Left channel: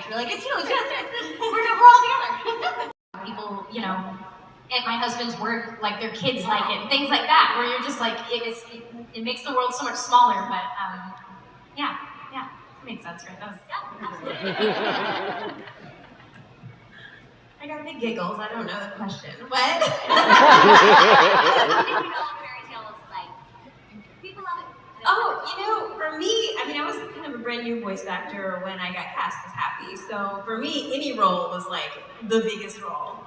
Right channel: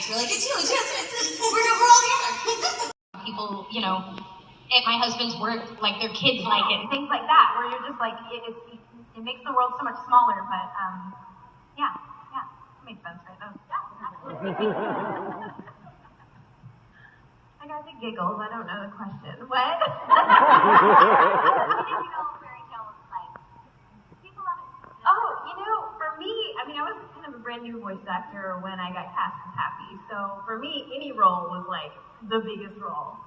it's really, it's huge. We're all together. People, you know, at my husband's work, like their kids like it, and things like that, where you're just like, it makes the world so much smaller, but yeah, it made sense, right? That was, absolutely. I got the giggles, I don't know the question. What? Oh, you know, for me, I mean, I was kind of a brand new voice actor when I got cast as Happy. So for me, any role was like the biggest role.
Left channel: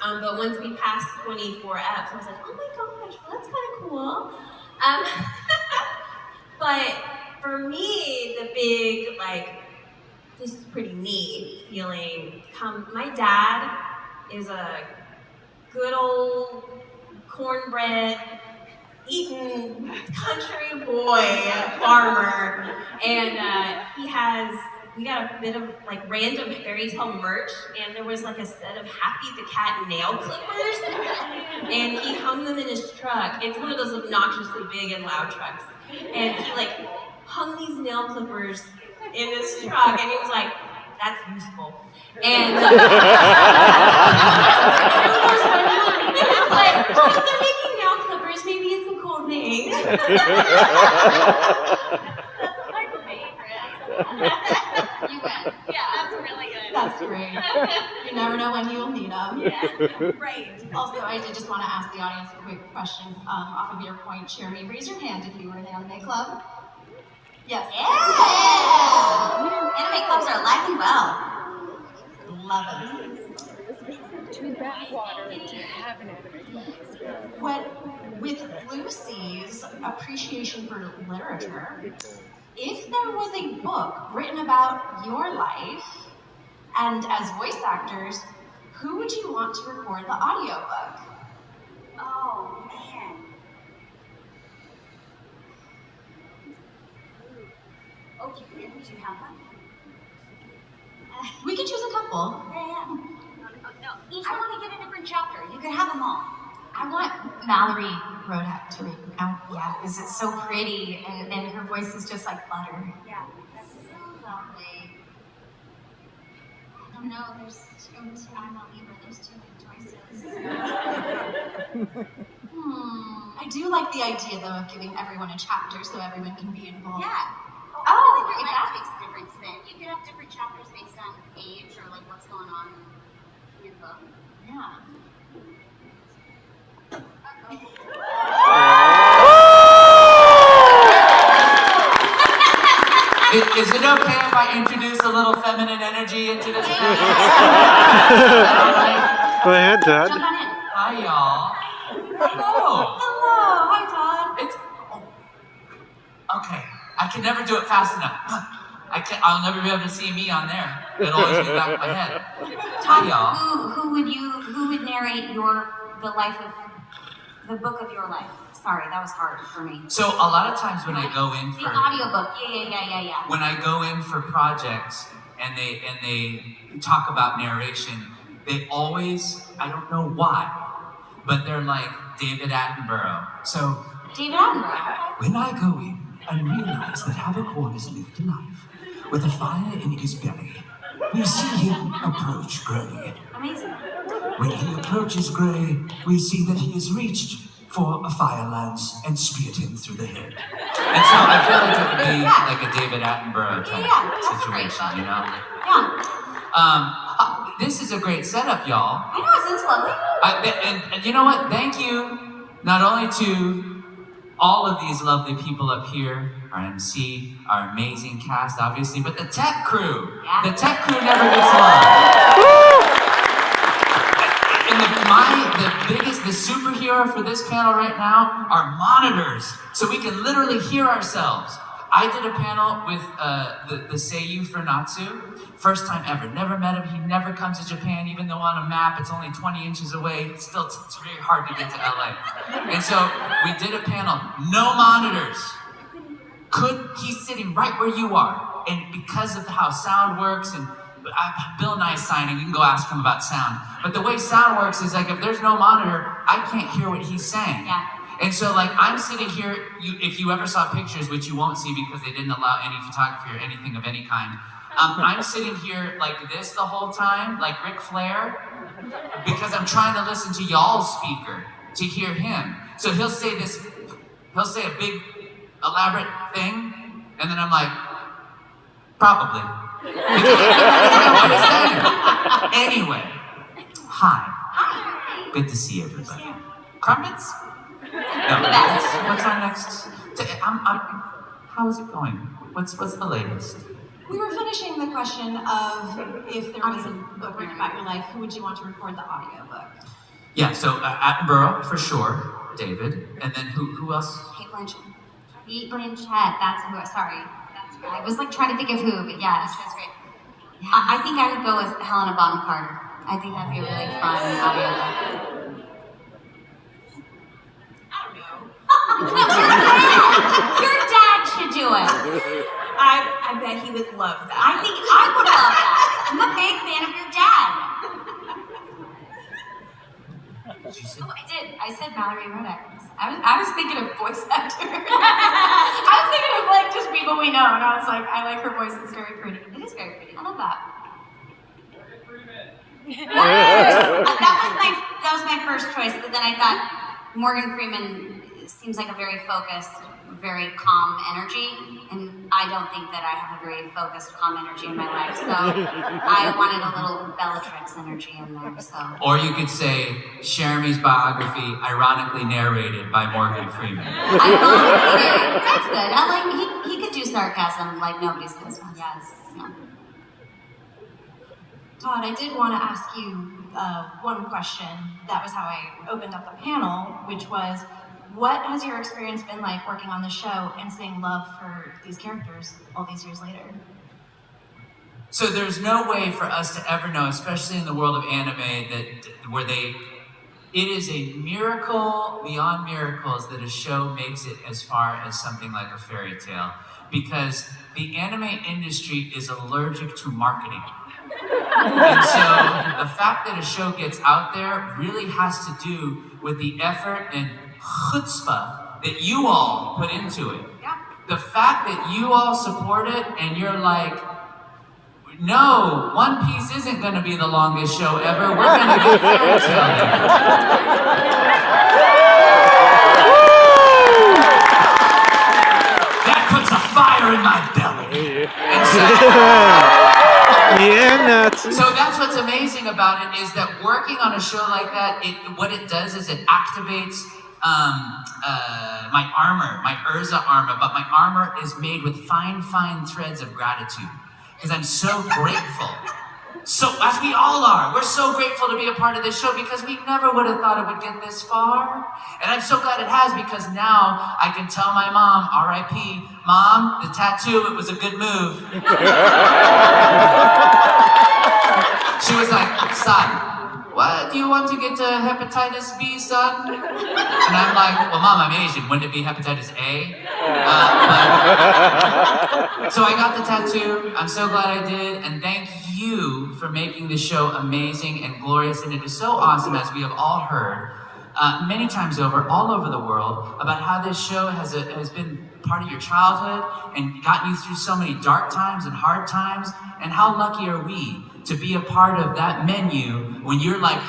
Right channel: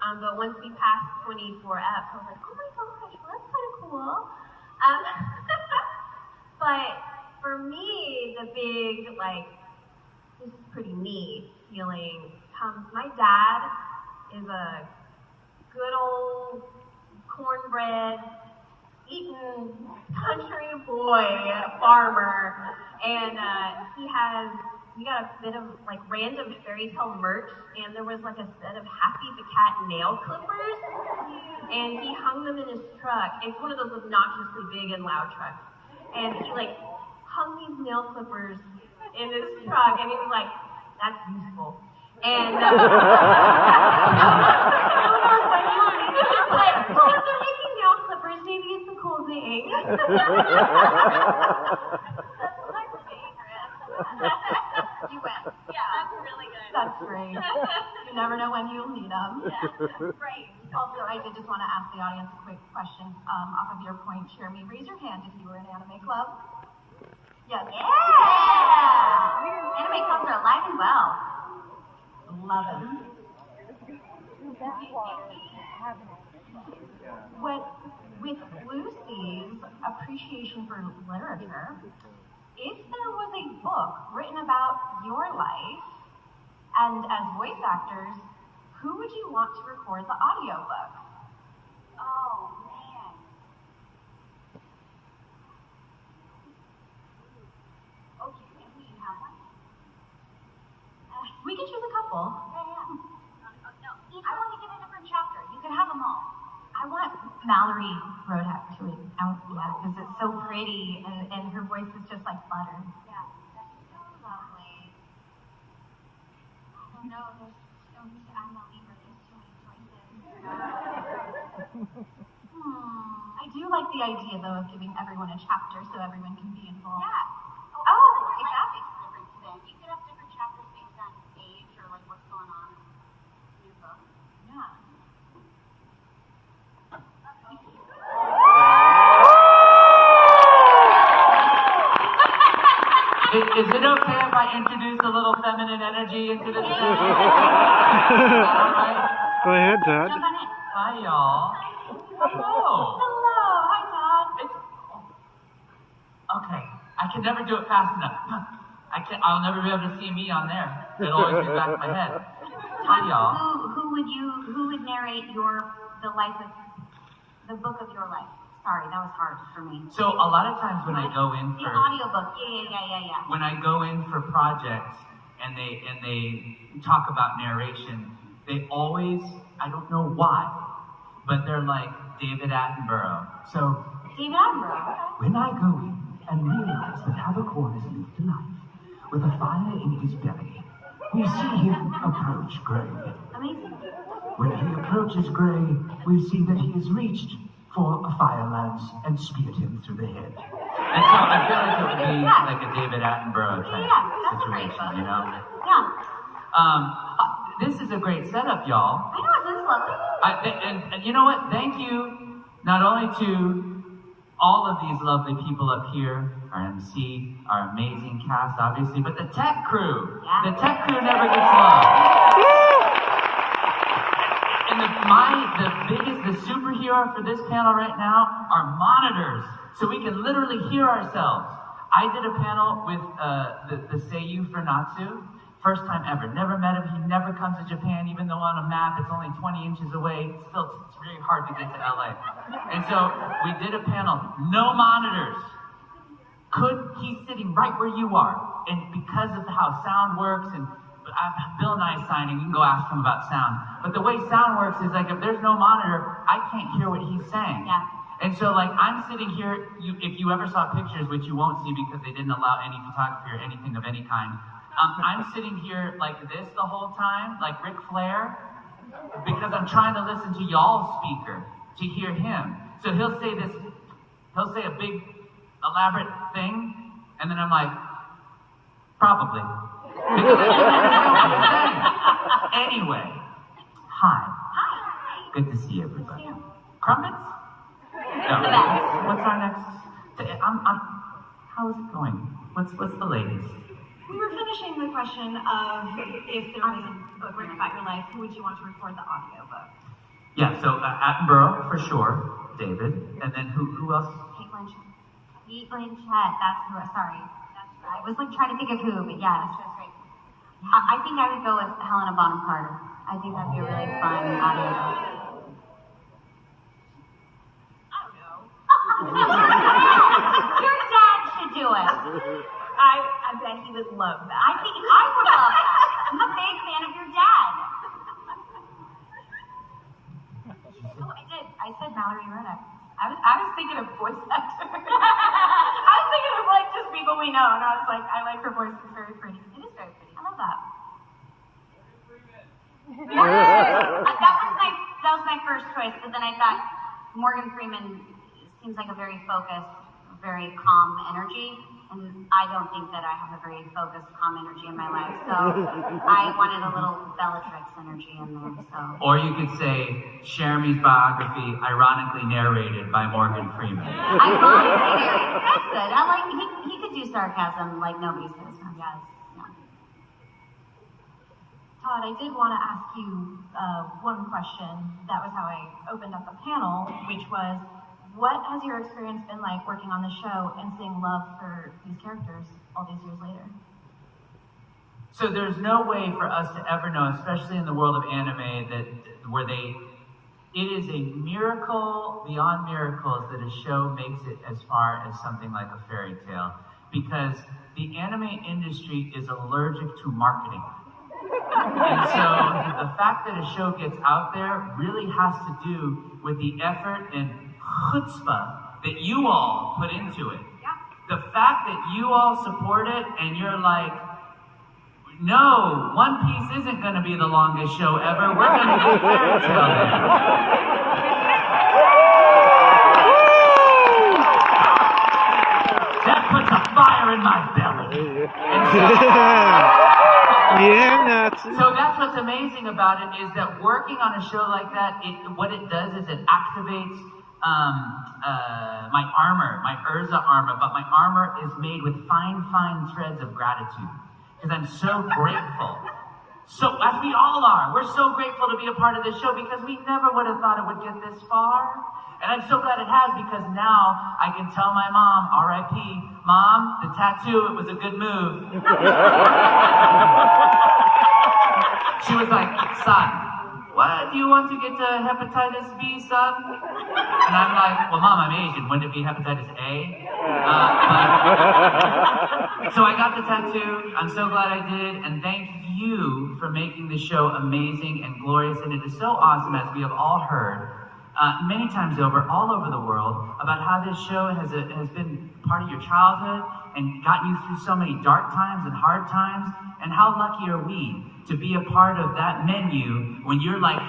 But once we passed 24 eps, I was like, oh my gosh, well, that's kind of cool. But for me, the big, like, this is pretty neat feeling. My dad is a good old cornbread eating country boy farmer, and we got a bit of like random fairy tale merch, and there was like a set of Happy the Cat nail clippers, and he hung them in his truck. It's one of those obnoxiously big and loud trucks, and he like hung these nail clippers in his truck, and he was like, that's useful. And who knows what I mean? It's like, if they're making nail clippers, maybe it's a cool thing. That's my favorite. You win. Yeah, that's really good. That's great. You never know when you'll need them. Yeah, right. Also, I did just want to ask the audience a quick question off of your point, Jeremy. Raise your hand if you were in anime club. Yes. Yeah! Anime clubs are alive and well. Love it. Too backwater to have an anime club. With Lucy's appreciation for literature, if there was a book written about your life, and as voice actors, who would you want to record the audiobook? Oh, man. Oh, do you have one? We can choose a couple. Yeah. No. Each I want to get a different chapter. You could have them all. I want Mallory Rodak to read out, yeah, because it's so pretty, and her voice is just like butter. Yeah, that's so lovely. I don't know, I'm a Libra, there's too many choices. I do like the idea, though, of giving everyone a chapter so everyone can be involved. Yeah. Oh, if that makes a difference, then you could have different chapters based on age or like what's going on in your book. Yeah. Is it okay if I introduce a little feminine energy into this? Go ahead, Todd. Jump on in. Hi, y'all. Hello. Hello. Hi, Todd. It's okay. I can never do it fast enough. I'll never be able to see me on there. It'll always be in the back of my head. Hi, y'all. Who would narrate the book of your life? Sorry, that was hard for me. So a lot of times when I go in for the audiobook, yeah. When I go in for projects and they talk about narration, they always, I don't know why, but they're like David Attenborough. So David Attenborough. When I go in and realize that Habercorn is lived a life with a fire in his belly, we see him approach Grey. Amazing. When he approaches Grey, we see that he has reached for a fire lance and speared him through the head. And so I feel like it would be like a David Attenborough type situation, you know? Yeah. This is a great setup, y'all. I know, it's lovely. And you know what? Thank you not only to all of these lovely people up here, our MC, our amazing cast, obviously, but the tech crew. Yeah. The tech crew never gets love. And the superhero for this panel right now are monitors, so we can literally hear ourselves. I did a panel with the Seiyu for Natsu. First time ever, never met him, he never comes to Japan, even though on a map it's only 20 inches away, still it's very hard to get to LA. And so we did a panel, no monitors. He's sitting right where you are, and because of how sound works, and Bill and I is signing, you can go ask him about sound. But the way sound works is like, if there's no monitor, I can't hear what he's saying. Yeah. And so like, I'm sitting here, if you ever saw pictures, which you won't see because they didn't allow any photography or anything of any kind, I'm sitting here like this the whole time, like Ric Flair, because I'm trying to listen to y'all's speaker to hear him. So he'll say a big, elaborate thing, and then I'm like, probably. Because I don't understand. Anyway, hi. Good to see everybody. Crumpets? No, what's our next? How is it going? What's the latest? We were finishing the question of if there was a book written about your life, who would you want to record the audiobook? Yeah, so Attenborough for sure, David, and then who else? Kate Blanchett. Kate Blanchett. That's who. Sorry, I was like trying to think of who, but yes, that's great. I think I would go with Helena Bonham Carter. I think that'd be a really fun audiobook. Your dad should do it. I bet he would love that. I think I would love that. I'm a big fan of your dad. Oh, I did. I said Mallory Reddick. I was thinking of voice actor. I was thinking of like just people we know, and I was like, I like her voice. It's very pretty. It is very pretty. I love that. That was my first choice, but then I thought Morgan Freeman seems like a very focused, very calm energy, and I don't think that I have a very focused, calm energy in my life, so I wanted a little Bellatrix energy in there, so. Or you could say Jeremy's biography, ironically narrated by Morgan Freeman. Ironically narrated, that's good. I like, he could do sarcasm like nobody's business. Yes, yeah. Todd, I did want to ask you one question. That was how I opened up the panel, which was, what has your experience been like working on the show and seeing love for these characters all these years later? So there's no way for us to ever know, especially in the world of anime, it is a miracle beyond miracles that a show makes it as far as something like a fairy tale, because the anime industry is allergic to marketing. And so the fact that a show gets out there really has to do with the effort and chutzpah that you all put into it. Yeah. The fact that you all support it and you're like, no, One Piece isn't going to be the longest show ever. We're going to get fairy tale there. That puts a fire in my belly. And Yeah, nuts. so that's what's amazing about it, is that working on a show like that, what it does is it activates my armor, my Urza armor, but my armor is made with fine, fine threads of gratitude, because I'm so grateful. So, as we all are, we're so grateful to be a part of this show, because we never would have thought it would get this far. And I'm so glad it has, because now I can tell my mom, R.I.P., Mom, the tattoo, it was a good move. She was like, son, what, do you want to get hepatitis B, son? And I'm like, well, Mom, I'm Asian, wouldn't it be hepatitis A? So I got the tattoo, I'm so glad I did, and thank you for making this show amazing and glorious, and it is so awesome, as we have all heard many times over, all over the world, about how this show has been part of your childhood and gotten you through so many dark times and hard times, and how lucky are we to be a part of that menu when you're like,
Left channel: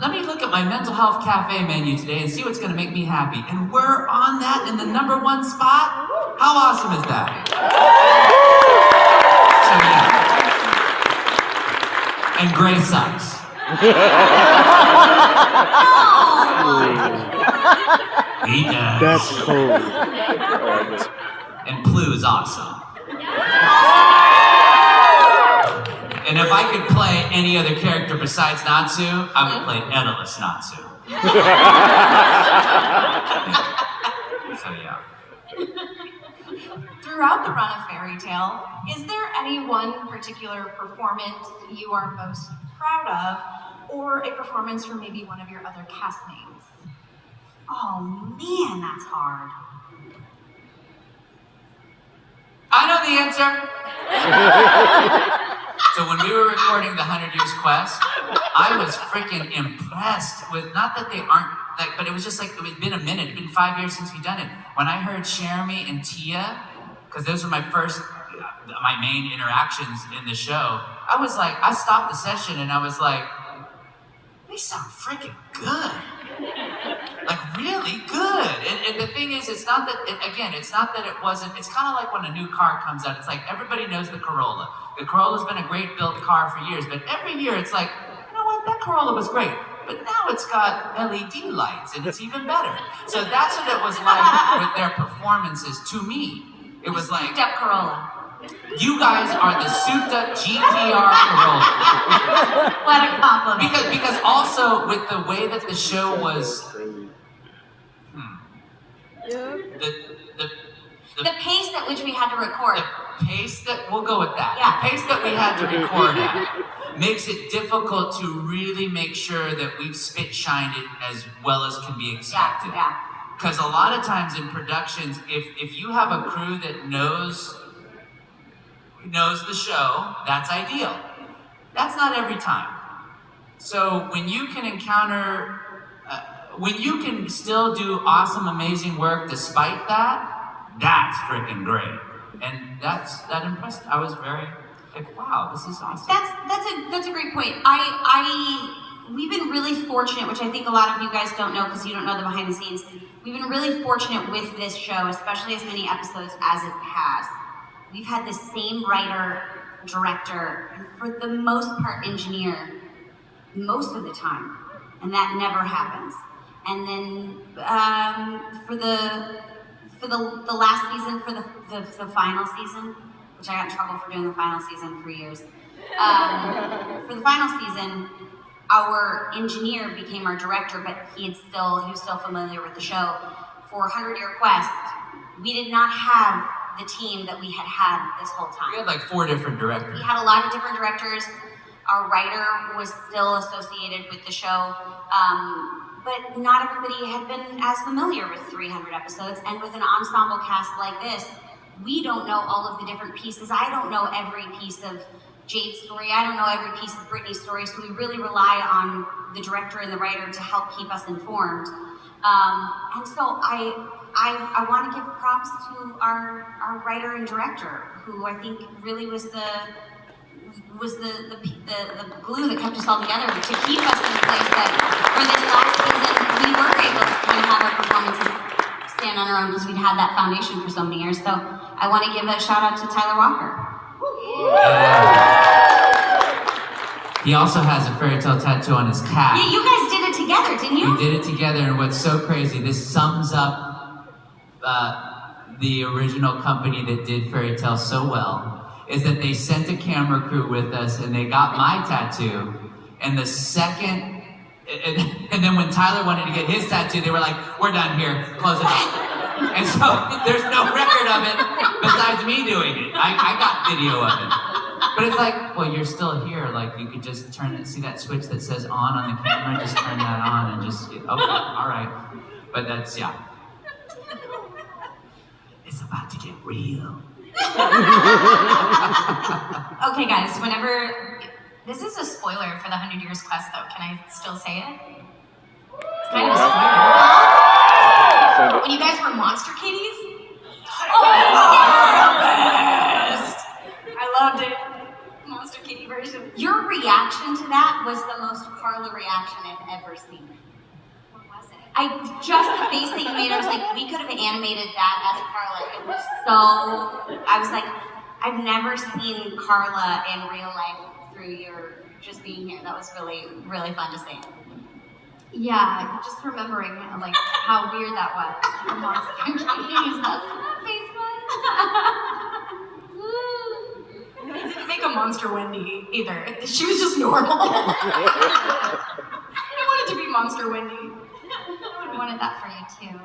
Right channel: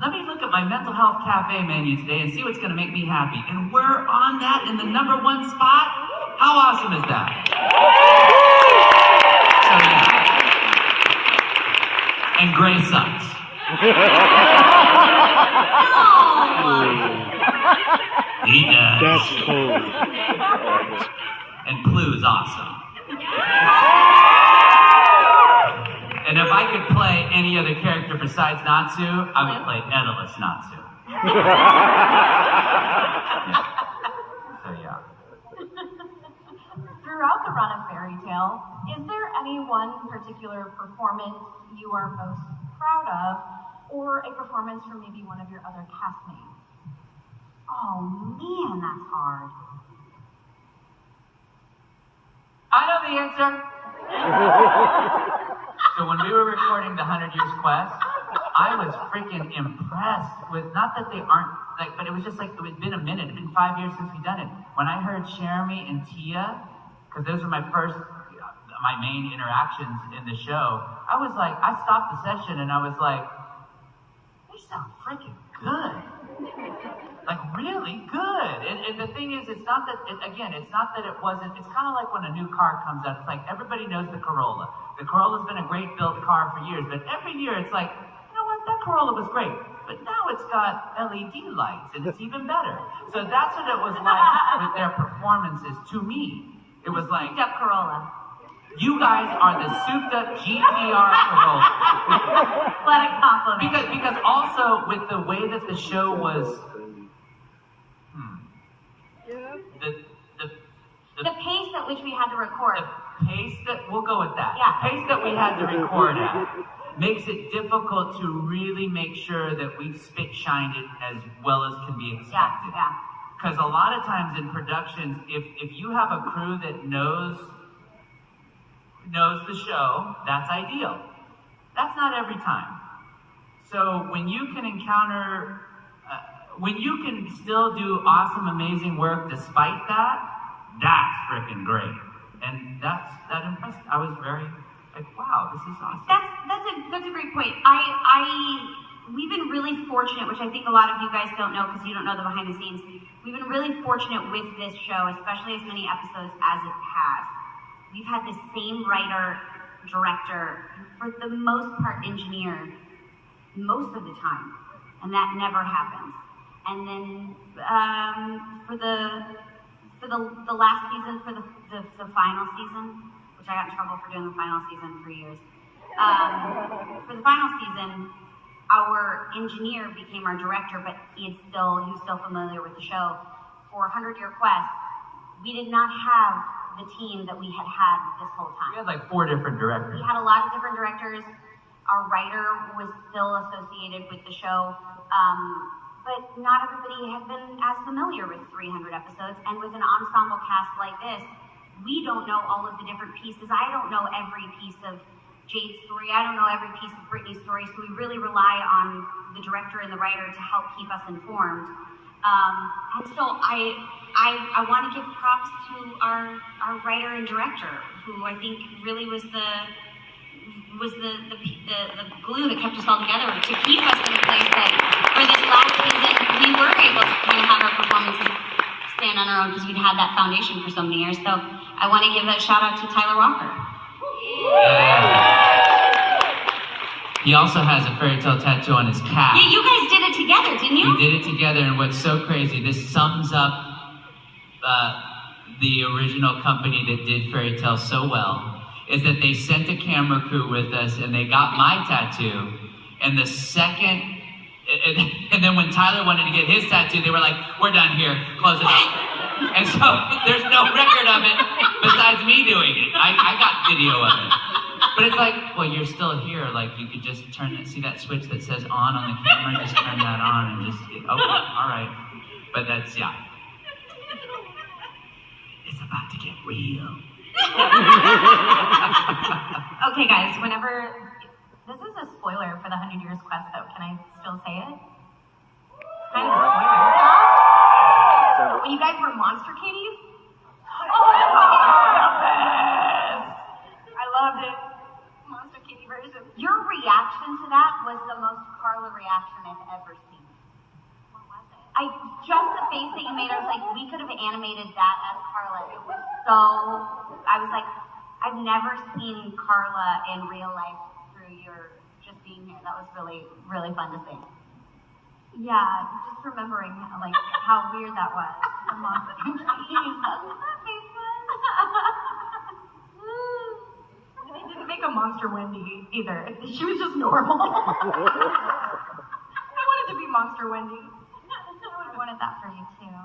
let me look at my mental health cafe menu today and see what's gonna make me happy. And we're on that in the #1 spot. How awesome is that? So yeah. And Gray sucks. He does. That's cool. And Plu is awesome. And if I could play any other character besides Natsu, I would play Daedalus Natsu. So yeah. Throughout the run of Fairy Tale, is there any one particular performance you are most proud of, or a performance from maybe one of your other castmates? Oh man, that's hard. I know the answer. So when we were recording the 100 Years Quest, I was freaking impressed with, not that they aren't, like, but it was just like, it had been a minute, it had been 5 years since we'd done it. When I heard Jeremy and Tia, because those were my first, my main interactions in the show, I was like, I stopped the session and I was like, they sound freaking good. Like really good. And the thing is, it's not that, it's not that it wasn't, it's kind of like when a new car comes out. It's like everybody knows the Corolla. The Corolla's been a great built car for years, but every year it's like, you know what, that Corolla was great. But now it's got LED lights and it's even better. So that's what it was like with their performances to me. It was like, Souped up Corolla. you guys are the souped up GTR Corolla. What a compliment. Because also with the way that the show was, The pace at which we had to record. the pace that, we'll go with that. Yeah. The pace that we had to record at makes it difficult to really make sure that we've spit shined it as well as can be expected. Yeah. Because a lot of times in productions, if you have a crew that knows the show, that's ideal. That's not every time. So when you can encounter, when you can still do awesome, amazing work despite that, that's freaking great. And that impressed. I was very like, wow, this is awesome. That's a great point. We've been really fortunate, which I think a lot of you guys don't know because you don't know the behind the scenes. We've been really fortunate with this show, especially as many episodes as it has. We've had the same writer, director, and for the most part engineer most of the time, and that never happens. And then for the last season, for the final season, which I got in trouble for doing the final season for years. For the final season, our engineer became our director, but he was still familiar with the show. For 100-Year Quest, we did not have the team that we had this whole time. We had like 4 different directors. We had a lot of different directors. Our writer was still associated with the show, but not everybody had been as familiar with 300 episodes. And with an ensemble cast like this, we don't know all of the different pieces. I don't know every piece of Jade's story. I don't know every piece of Brittany's story. So we really rely on the director and the writer to help keep us informed. And so I want to give props to our writer and director, who I think really was the glue that kept us all together to keep us in the place that for this last season we were able to kind of have our performances stand on our own because we'd had that foundation for so many years. So I want to give a shout out to Tyler Walker. He also has a fairy tale tattoo on his calf. Yeah, you guys did it together, didn't you? We did it together, and what's so crazy, this sums up the original company that did Fairy Tale so well, is that they sent a camera crew with us and they got my tattoo, and the second, and then when Tyler wanted to get his tattoo, they were like, we're done here, close it up. And so there's no record of it besides me doing it. I got video of it. But it's like, well, you're still here, like you could just turn it, see that switch that says on the camera, just turn that on and just, okay, all right. But that's, yeah. It's about to get real. Okay, guys, this is a spoiler for the 100 Years Quest, though. Can I still say it? It's kind of a spoiler. When you guys were monster kitties? Oh, best! I loved it. Monster kitty version. Your reaction to that was the most Carla reaction I've ever seen. What was it? Just the face that you made, I was like, we could have animated that as Carla. It was so, I was like, I've never seen Carla in real life through your just being here. That was really, really fun to see. Yeah, just remembering like how weird that was. The monster kitties. That's what that face was. Didn't make a monster Wendy either. She was just normal. I wanted to be monster Wendy. I would have wanted that for you too.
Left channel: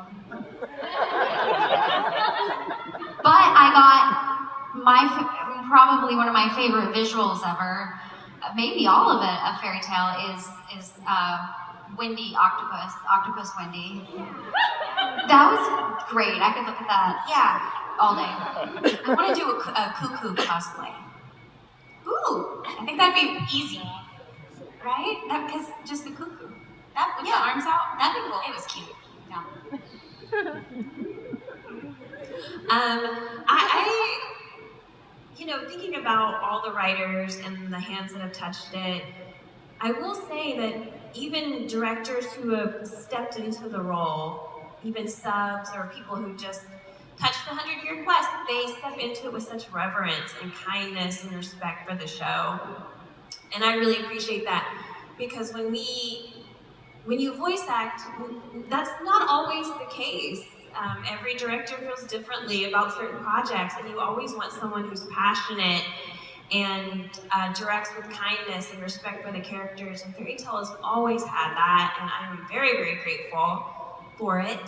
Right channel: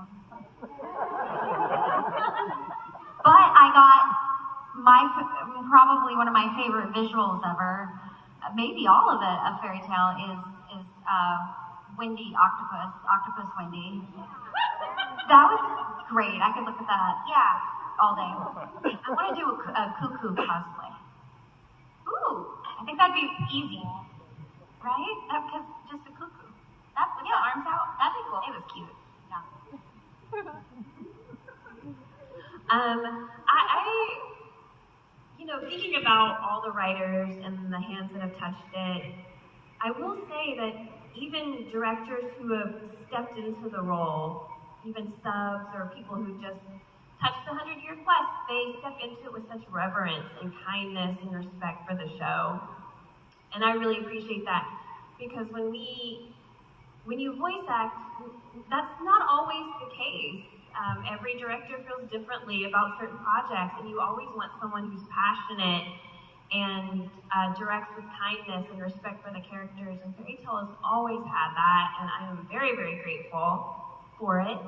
But I got probably one of my favorite visuals ever, maybe all of it, a fairy tale is Wendy Octopus Wendy. That was great. I could look at that, all day. I want to do a cuckoo cosplay. Ooh, I think that'd be easy, right? Because just the cuckoo. That with the arms out, that'd be cool. It was cute. Yeah. thinking about all the writers and the hands that have touched it, I will say that even directors who have stepped into the role, even subs or people who just touched the 100-year quest, they step into it with such reverence and kindness and respect for the show. And I really appreciate that, because when you voice act, that's not always the case. Every director feels differently about certain projects, and you always want someone who's passionate and directs with kindness and respect for the characters. And Fairy Tale has always had that, and I am very, very grateful for it.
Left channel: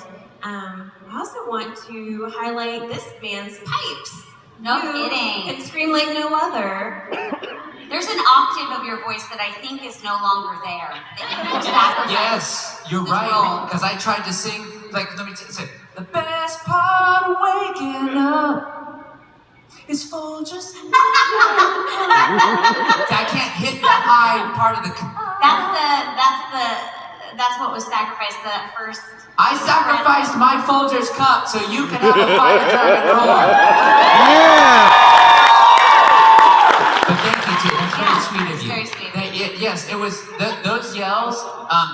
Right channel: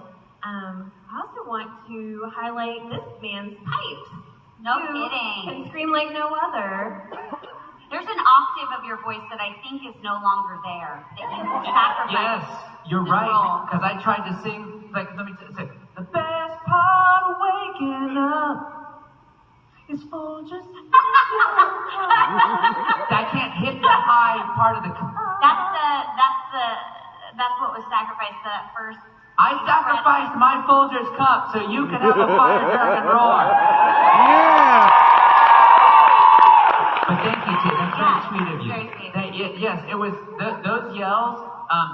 I also want to highlight this man's pipes. No You kidding. can scream like no other. There's an octave of your voice that I think is no longer there. That you will sacrifice. Yes, you're this right. role. Because I tried to sing, like, let me say, the best part of waking up is Folgers. I can't hit the high part of the. That's what was sacrificed. That first. I sacrificed my Folgers cup so you can have a fire dragon roar. Yeah. But thank you, too. That's very sweet of you. Very sweet. Yes, it was those yells.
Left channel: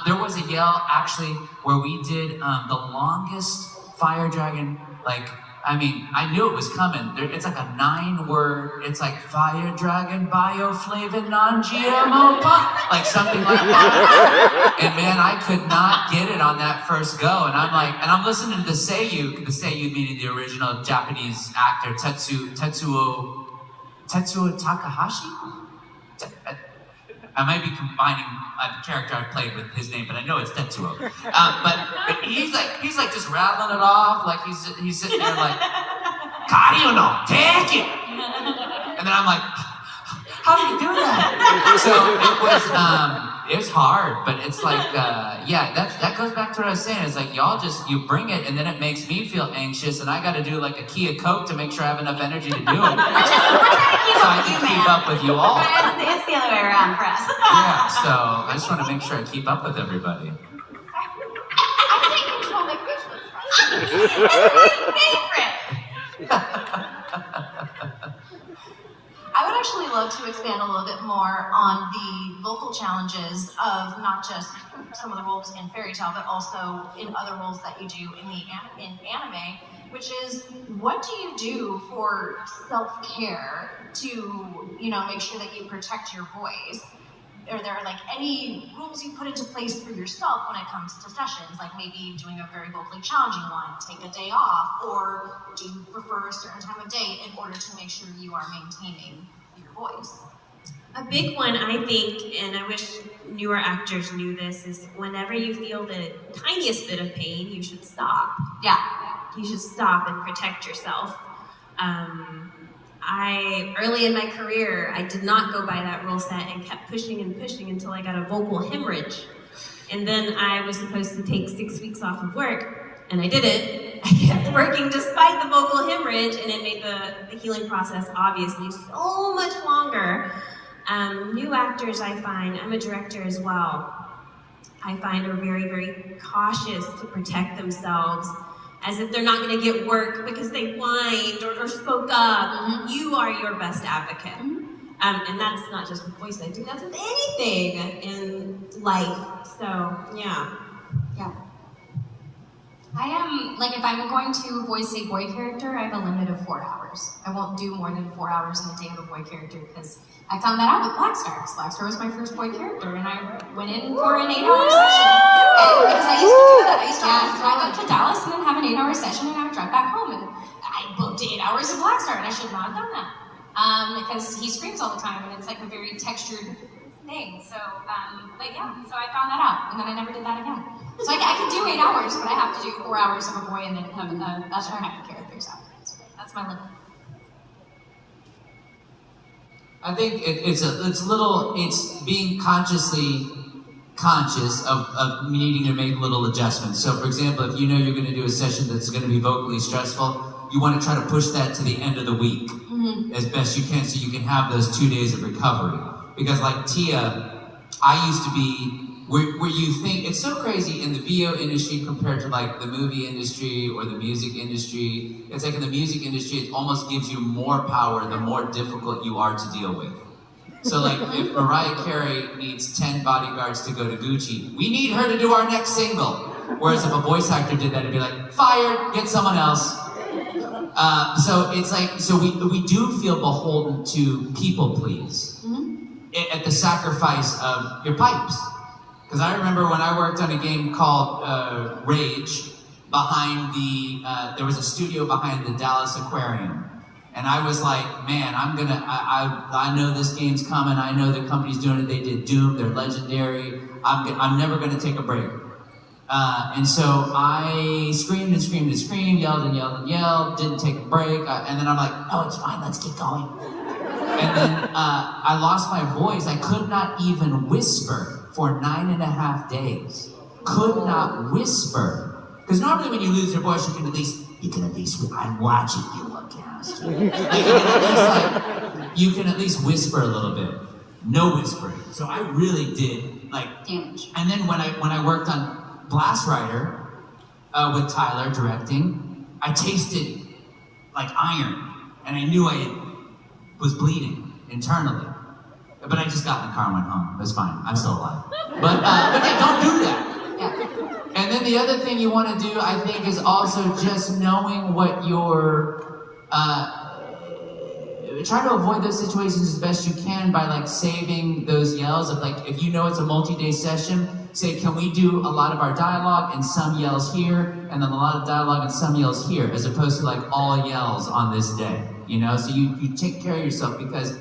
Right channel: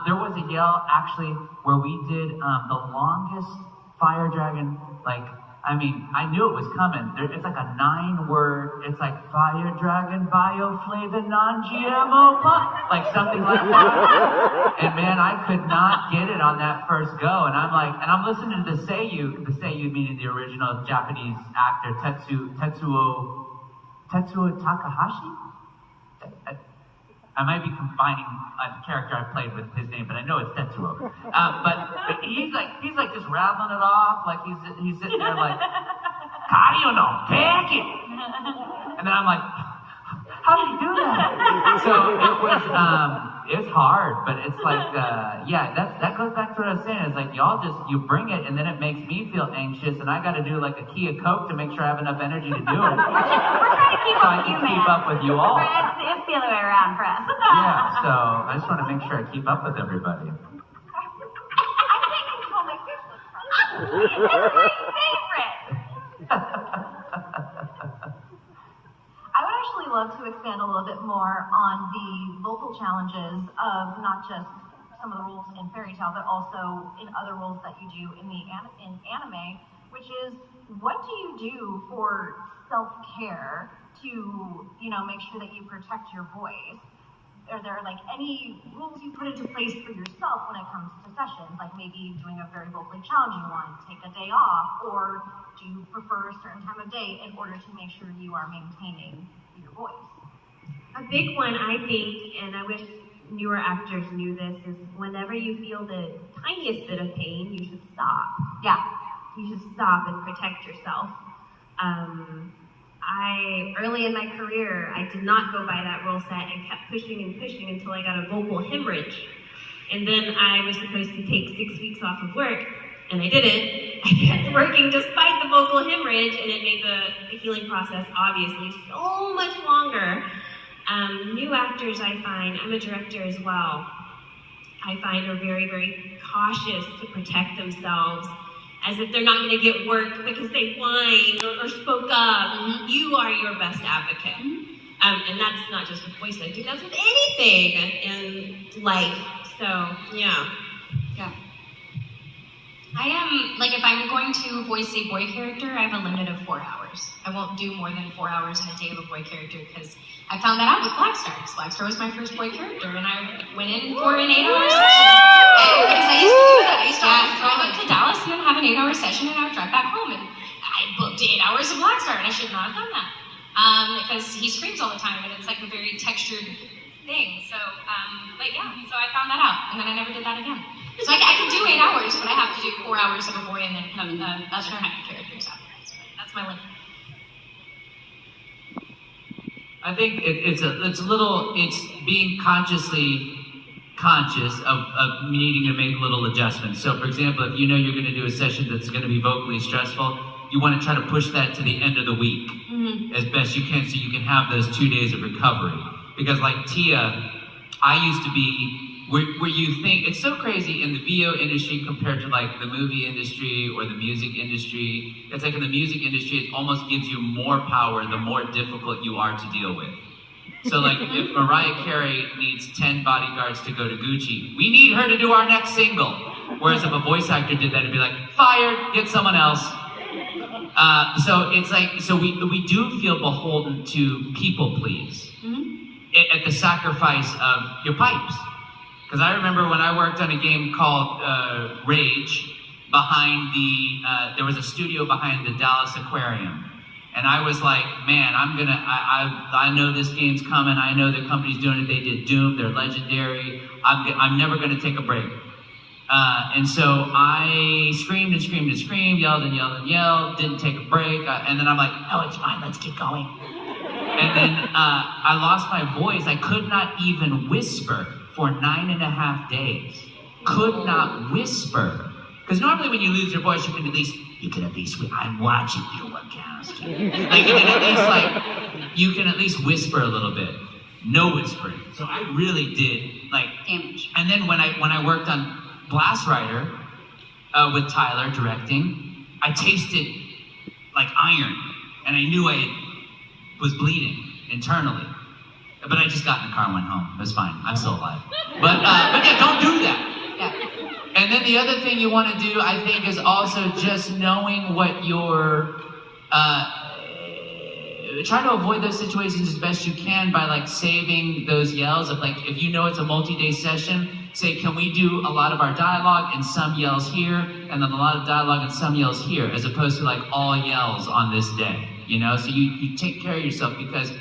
There was a yell actually where we did the longest fire dragon. Like, I mean, I knew it was coming. It's like a 9-word. It's like fire dragon, bioflavin, non-GMO pop, like something like that. And man, I could not get it on that first go. And I'm listening to the Seiyu meaning the original Japanese actor Tetsuo Takahashi? I might be combining a character I've played with his name, but I know it's Tetsuo. But he's like just rattling it off, like he's sitting there like, "Kario no, take it!" And then I'm like, how did he do that? So it was hard, but it's like, that goes back to what I was saying. It's like you bring it, and then it makes me feel anxious, and I got to do like a key of Coke to make sure I have enough energy to do it. We're trying to keep So up I with you, can man. keep up with you all. It's the other way around for us. Yeah, so I just want to make sure I keep up with everybody. I can't control my facial expression. Favorite. I would actually love to expand a little bit more on the vocal challenges of not just some of the roles in Fairy Tale, but also in other roles that you do in anime, which is, what do you do for self-care to, make sure that you protect your voice? Are there like any rules you put into place for yourself when it comes to sessions, like maybe doing a very vocally challenging one, take a day off, or do you prefer a certain time of day in order to make sure you are maintaining your voice? A big one, I think, and I wish newer actors knew this, is whenever you feel the tiniest bit of pain, you should stop. Yeah. You should stop and protect yourself. Early in my career, I did not go by that rule set and kept pushing and pushing until I got a vocal hemorrhage. And then I was supposed to take 6 weeks off of work, and I didn't. I kept working despite the vocal hemorrhage, and it made the healing process obviously so much longer. New actors, I find, I'm a director as well, I find are very, very cautious to protect themselves, as if they're not going to get work because they whined or spoke up. Mm-hmm. You are your best advocate. And that's not just with voice acting, that's with anything in life. So, yeah. Yeah. I am, like, if I'm going to voice a boy character, I have a limit of 4 hours. I won't do more than 4 hours in a day of a boy character, because I found that out with Blackstar. Blackstar was my first boy character, and I went in for an 8-hour session. Because I used to do that. I used to drive up to Dallas and then have an 8-hour session, and I would drive back home, and I booked 8 hours of Blackstar, and I should not have done that. Because he screams all the time, and it's like a very textured thing. So, but yeah, so I found that out, and then I never did that again. So I can do 8 hours, but I have to do 4 hours of a boy and then other happy characters afterwards. But that's my limit. I think it's being consciously conscious of needing to make little adjustments. So for example, if you know you're going to do a session that's going to be vocally stressful, you want to try to push that to the end of the week as best you can, so you can have those 2 days of recovery. Because like Tia, I used to be where you think, it's so crazy in the VO industry compared to like the movie industry or the music industry. It's like in the music industry, it almost gives you more power the more difficult you are to deal with. So like if Mariah Carey needs 10 bodyguards to go to Gucci, we need her to do our next single. Whereas if a voice actor did that, it'd be like, fired, get someone else. So it's like, so we do feel beholden to people please at the sacrifice of your pipes. Because I remember when I worked on a game called Rage, behind there was a studio behind the Dallas Aquarium. And I was like, man, I know this game's coming. I know the company's doing it. They did Doom. They're legendary. I'm never gonna take a break. And so I screamed and screamed and screamed, yelled and yelled and yelled, didn't take a break. And then I'm like, no, it's fine, let's get going. And then I lost my voice. I could not even whisper for 9.5 days. Could not whisper. Because normally when you lose your voice, you can at least, I'm watching you, Wachowski. Like, you can at least whisper a little bit. No whispering. So I really did, like, damage. And then when I worked on Blast Rider with Tyler directing, I tasted like iron, and I knew I was bleeding internally. But I just got in the car and went home. It was fine. I'm still alive. But yeah, don't do that. Yeah. And then the other thing you want to do, I think, is also just knowing what your try to avoid those situations as best you can by like saving those yells. Of like, if you know it's a multi-day session, say, can we do a lot of our dialogue and some yells here, and then a lot of dialogue and some yells here, as opposed to like all yells on this day, you know? So you take care of yourself, because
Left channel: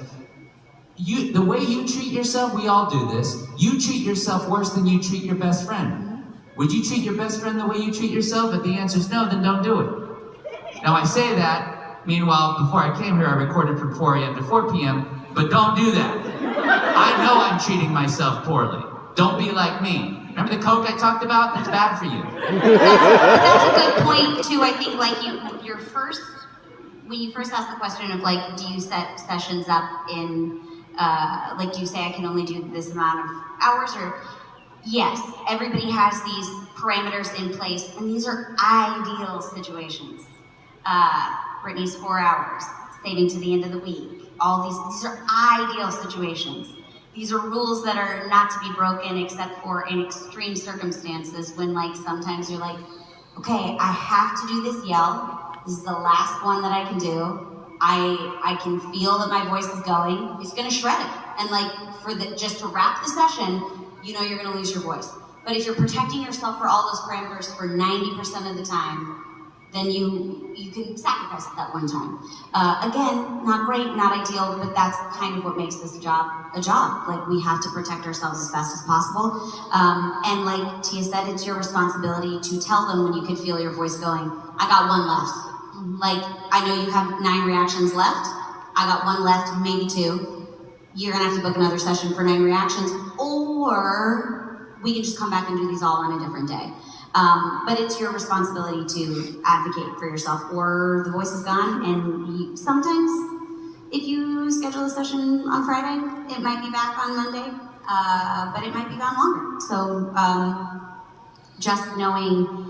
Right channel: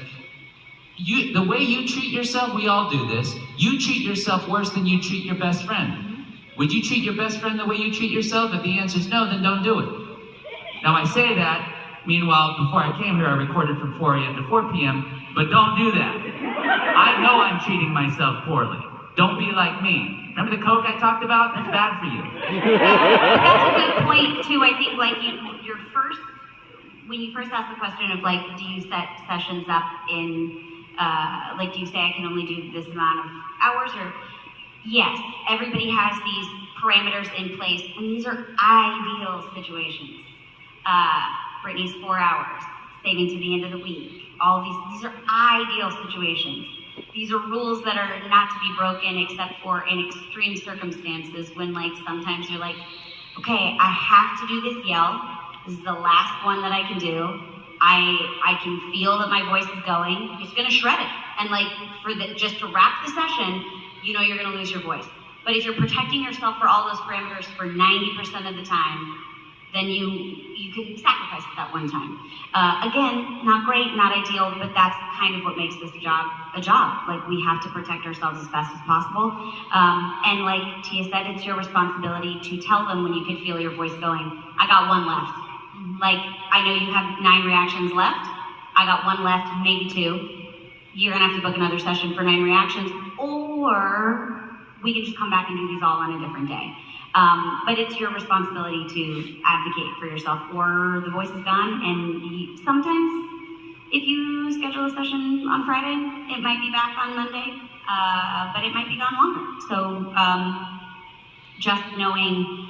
the way you treat yourself, we all do this, you treat yourself worse than you treat your best friend. Would you treat your best friend the way you treat yourself? If the answer is no, then don't do it. Now I say that, meanwhile, before I came here, I recorded from 4 a.m. to 4 p.m., but don't do that. I know I'm treating myself poorly. Don't be like me. Remember the Coke I talked about? That's bad for you. That's a good point too. I think like when you first asked the question of like, do you set sessions up in like, do you say I can only do this amount of hours? Or yes, everybody has these parameters in place, and these are ideal situations. Brittany's 4 hours, saving to the end of the week. All these are ideal situations. These are rules that are not to be broken except for in extreme circumstances, when like sometimes you're like, okay, I have to do this yell. This is the last one that I can do. I can feel that my voice is going. He's gonna shred it. And like just to wrap the session, you know you're gonna lose your voice. But if you're protecting yourself for all those parameters for 90% of the time, then you can sacrifice it that one time. Again, not great, not ideal, but that's kind of what makes this job a job. Like, we have to protect ourselves as best as possible. And like Tia said, it's your responsibility to tell them when you can feel your voice going, I got one left. Like, I know you have 9 reactions left. I got 1 left, maybe 2. You're gonna have to book another session for 9 reactions, or we can just come back and do these all on a different day. But it's your responsibility to advocate for yourself, or the voice is gone. And sometimes, if you schedule a session on Friday, it might be back on Monday, but it might be gone longer. So just knowing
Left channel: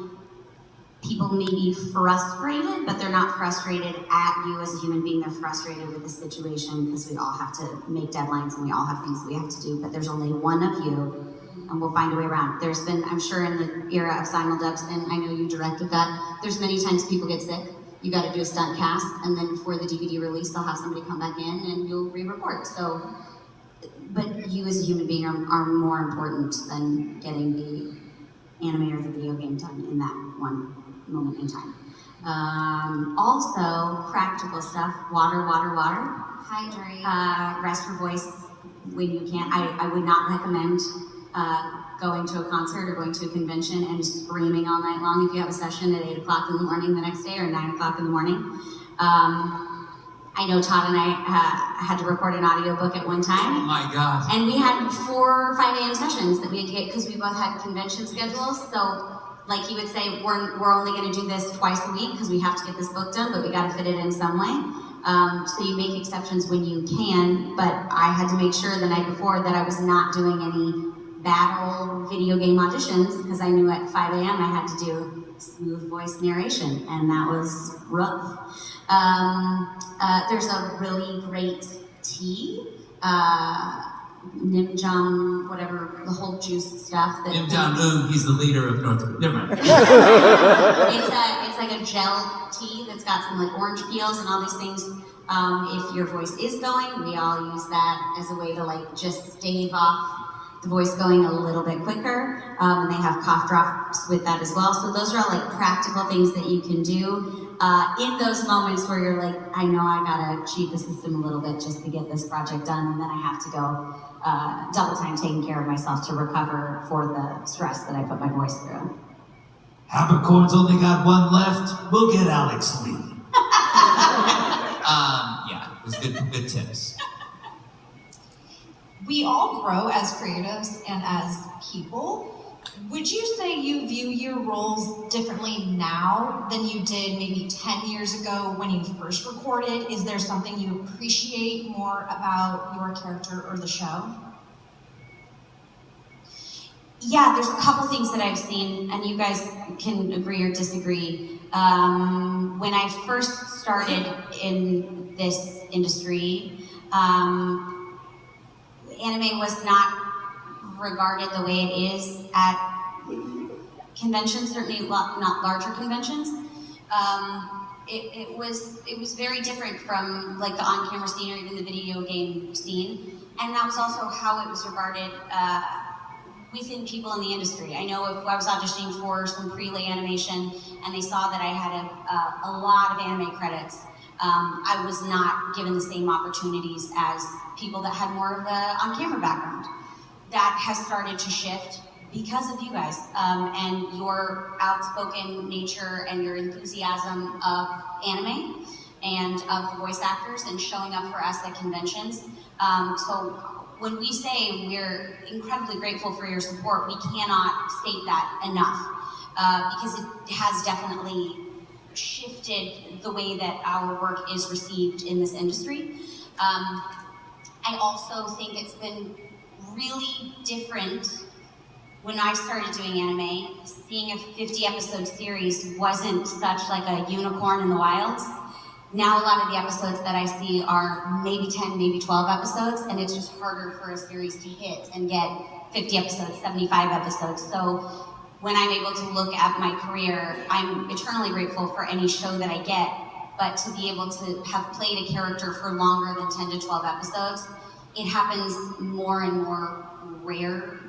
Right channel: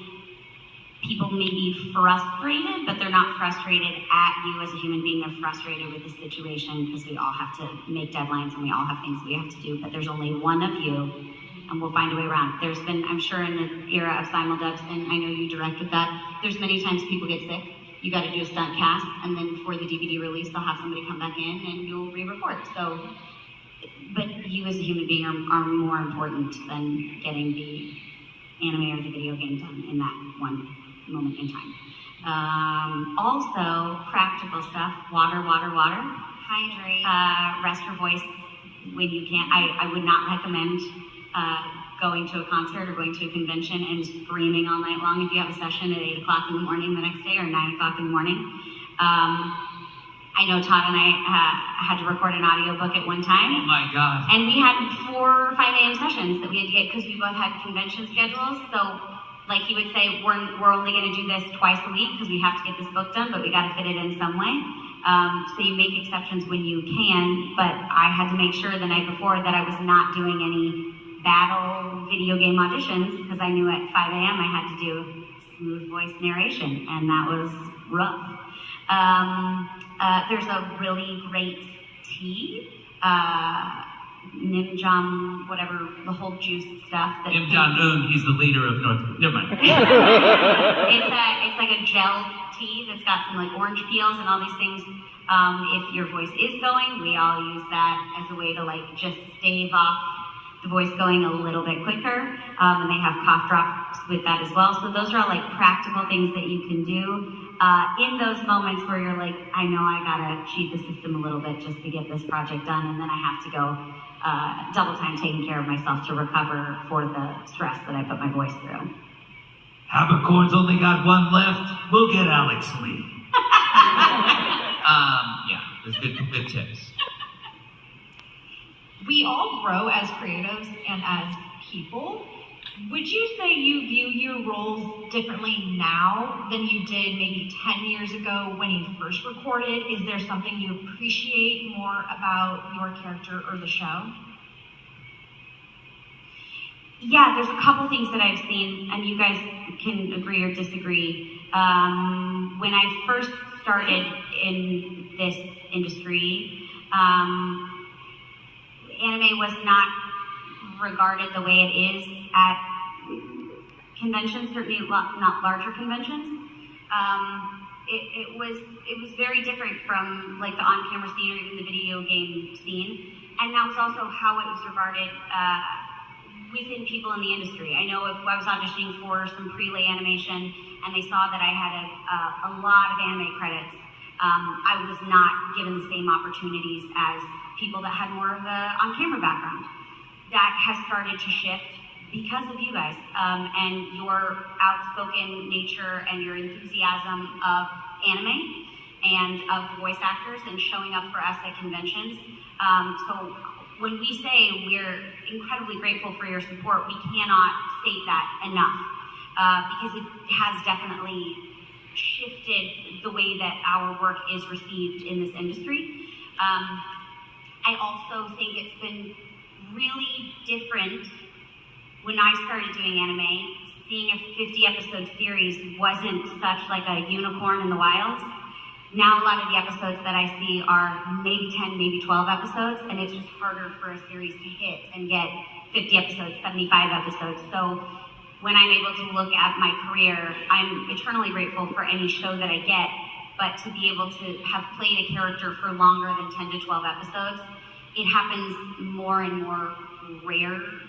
people may be frustrated, but they're not frustrated at you as a human being. They're frustrated with the situation, because we all have to make deadlines and we all have things that we have to do, but there's only one of you, and we'll find a way around it. There's been, I'm sure in the era of simuldubs, and I know you directed that, there's many times people get sick. You gotta do a stunt cast, and then for the DVD release, they'll have somebody come back in and you'll re-record. So, but you as a human being are more important than getting the anime or the video game done in that one moment in time. Also, practical stuff, water. Hydrate. Rest your voice when you can. I would not recommend going to a concert or going to a convention and screaming all night long if you have a session at 8 o'clock in the morning the next day, or 9 o'clock in the morning. I know Todd and I had to record an audiobook at one time. Oh my God. And we had 4 or 5 a.m. sessions that we had to get, because we both had convention schedules. So like he would say, we're only gonna do this twice a week because we have to get this book done, but we gotta fit it in some way. So you make exceptions when you can, but I had to make sure the night before that I was not doing any battle video game auditions because I knew at 5 a.m. I had to do smooth voice narration, and that was rough. There's a really great tea, Nimjam, whatever, the whole juice stuff. Kim Jong-un, he's the leader of North Korea. Never mind. It's like a gel tea that's got some like orange peels and all these things. If your voice is going, we all use that as a way to like just stave off the voice going a little bit quicker. And they have cough drops with that as well. So those are all like practical things that you can do in those moments where you're like, I know I gotta cheat the system a little bit just to get this project done, and then I have to go double time taking care of myself to recover for the stress that I put my voice through. Habercorn's only got one left. We'll get Alex Lee. Yeah, there's good tips. We all grow as creatives and as people. Would you say you view your roles differently now than you did maybe 10 years ago when you first recorded? Is there something you appreciate more about your character or the show? Yeah, there's a couple things that I've seen, and you guys can agree or disagree. When I first started in this industry, anime was not regarded the way it is at conventions, certainly not larger conventions. It was very different from like the on-camera scene or even the video game scene, and that was also how it was regarded within people in the industry. I know if I was auditioning for some pre-lay animation and they saw that I had a lot of anime credits, I was not given the same opportunities as people that had more of a on-camera background. That has started to shift because of you guys and your outspoken nature and your enthusiasm of anime and of the voice actors and showing up for us at conventions. So when we say we're incredibly grateful for your support, we cannot state that enough because it has definitely shifted the way that our work is received in this industry. I also think it's been really different when I started doing anime. Seeing a 50 episode series wasn't such like a unicorn in the wild. Now a lot of the episodes that I see are maybe 10, maybe 12 episodes, and it's just harder for a series to hit and get 50 episodes, 75 episodes. So when I'm able to look at my career, I'm eternally grateful for any show that I get, but to be able to have played a character for longer than 10 to 12 episodes, it happens more and more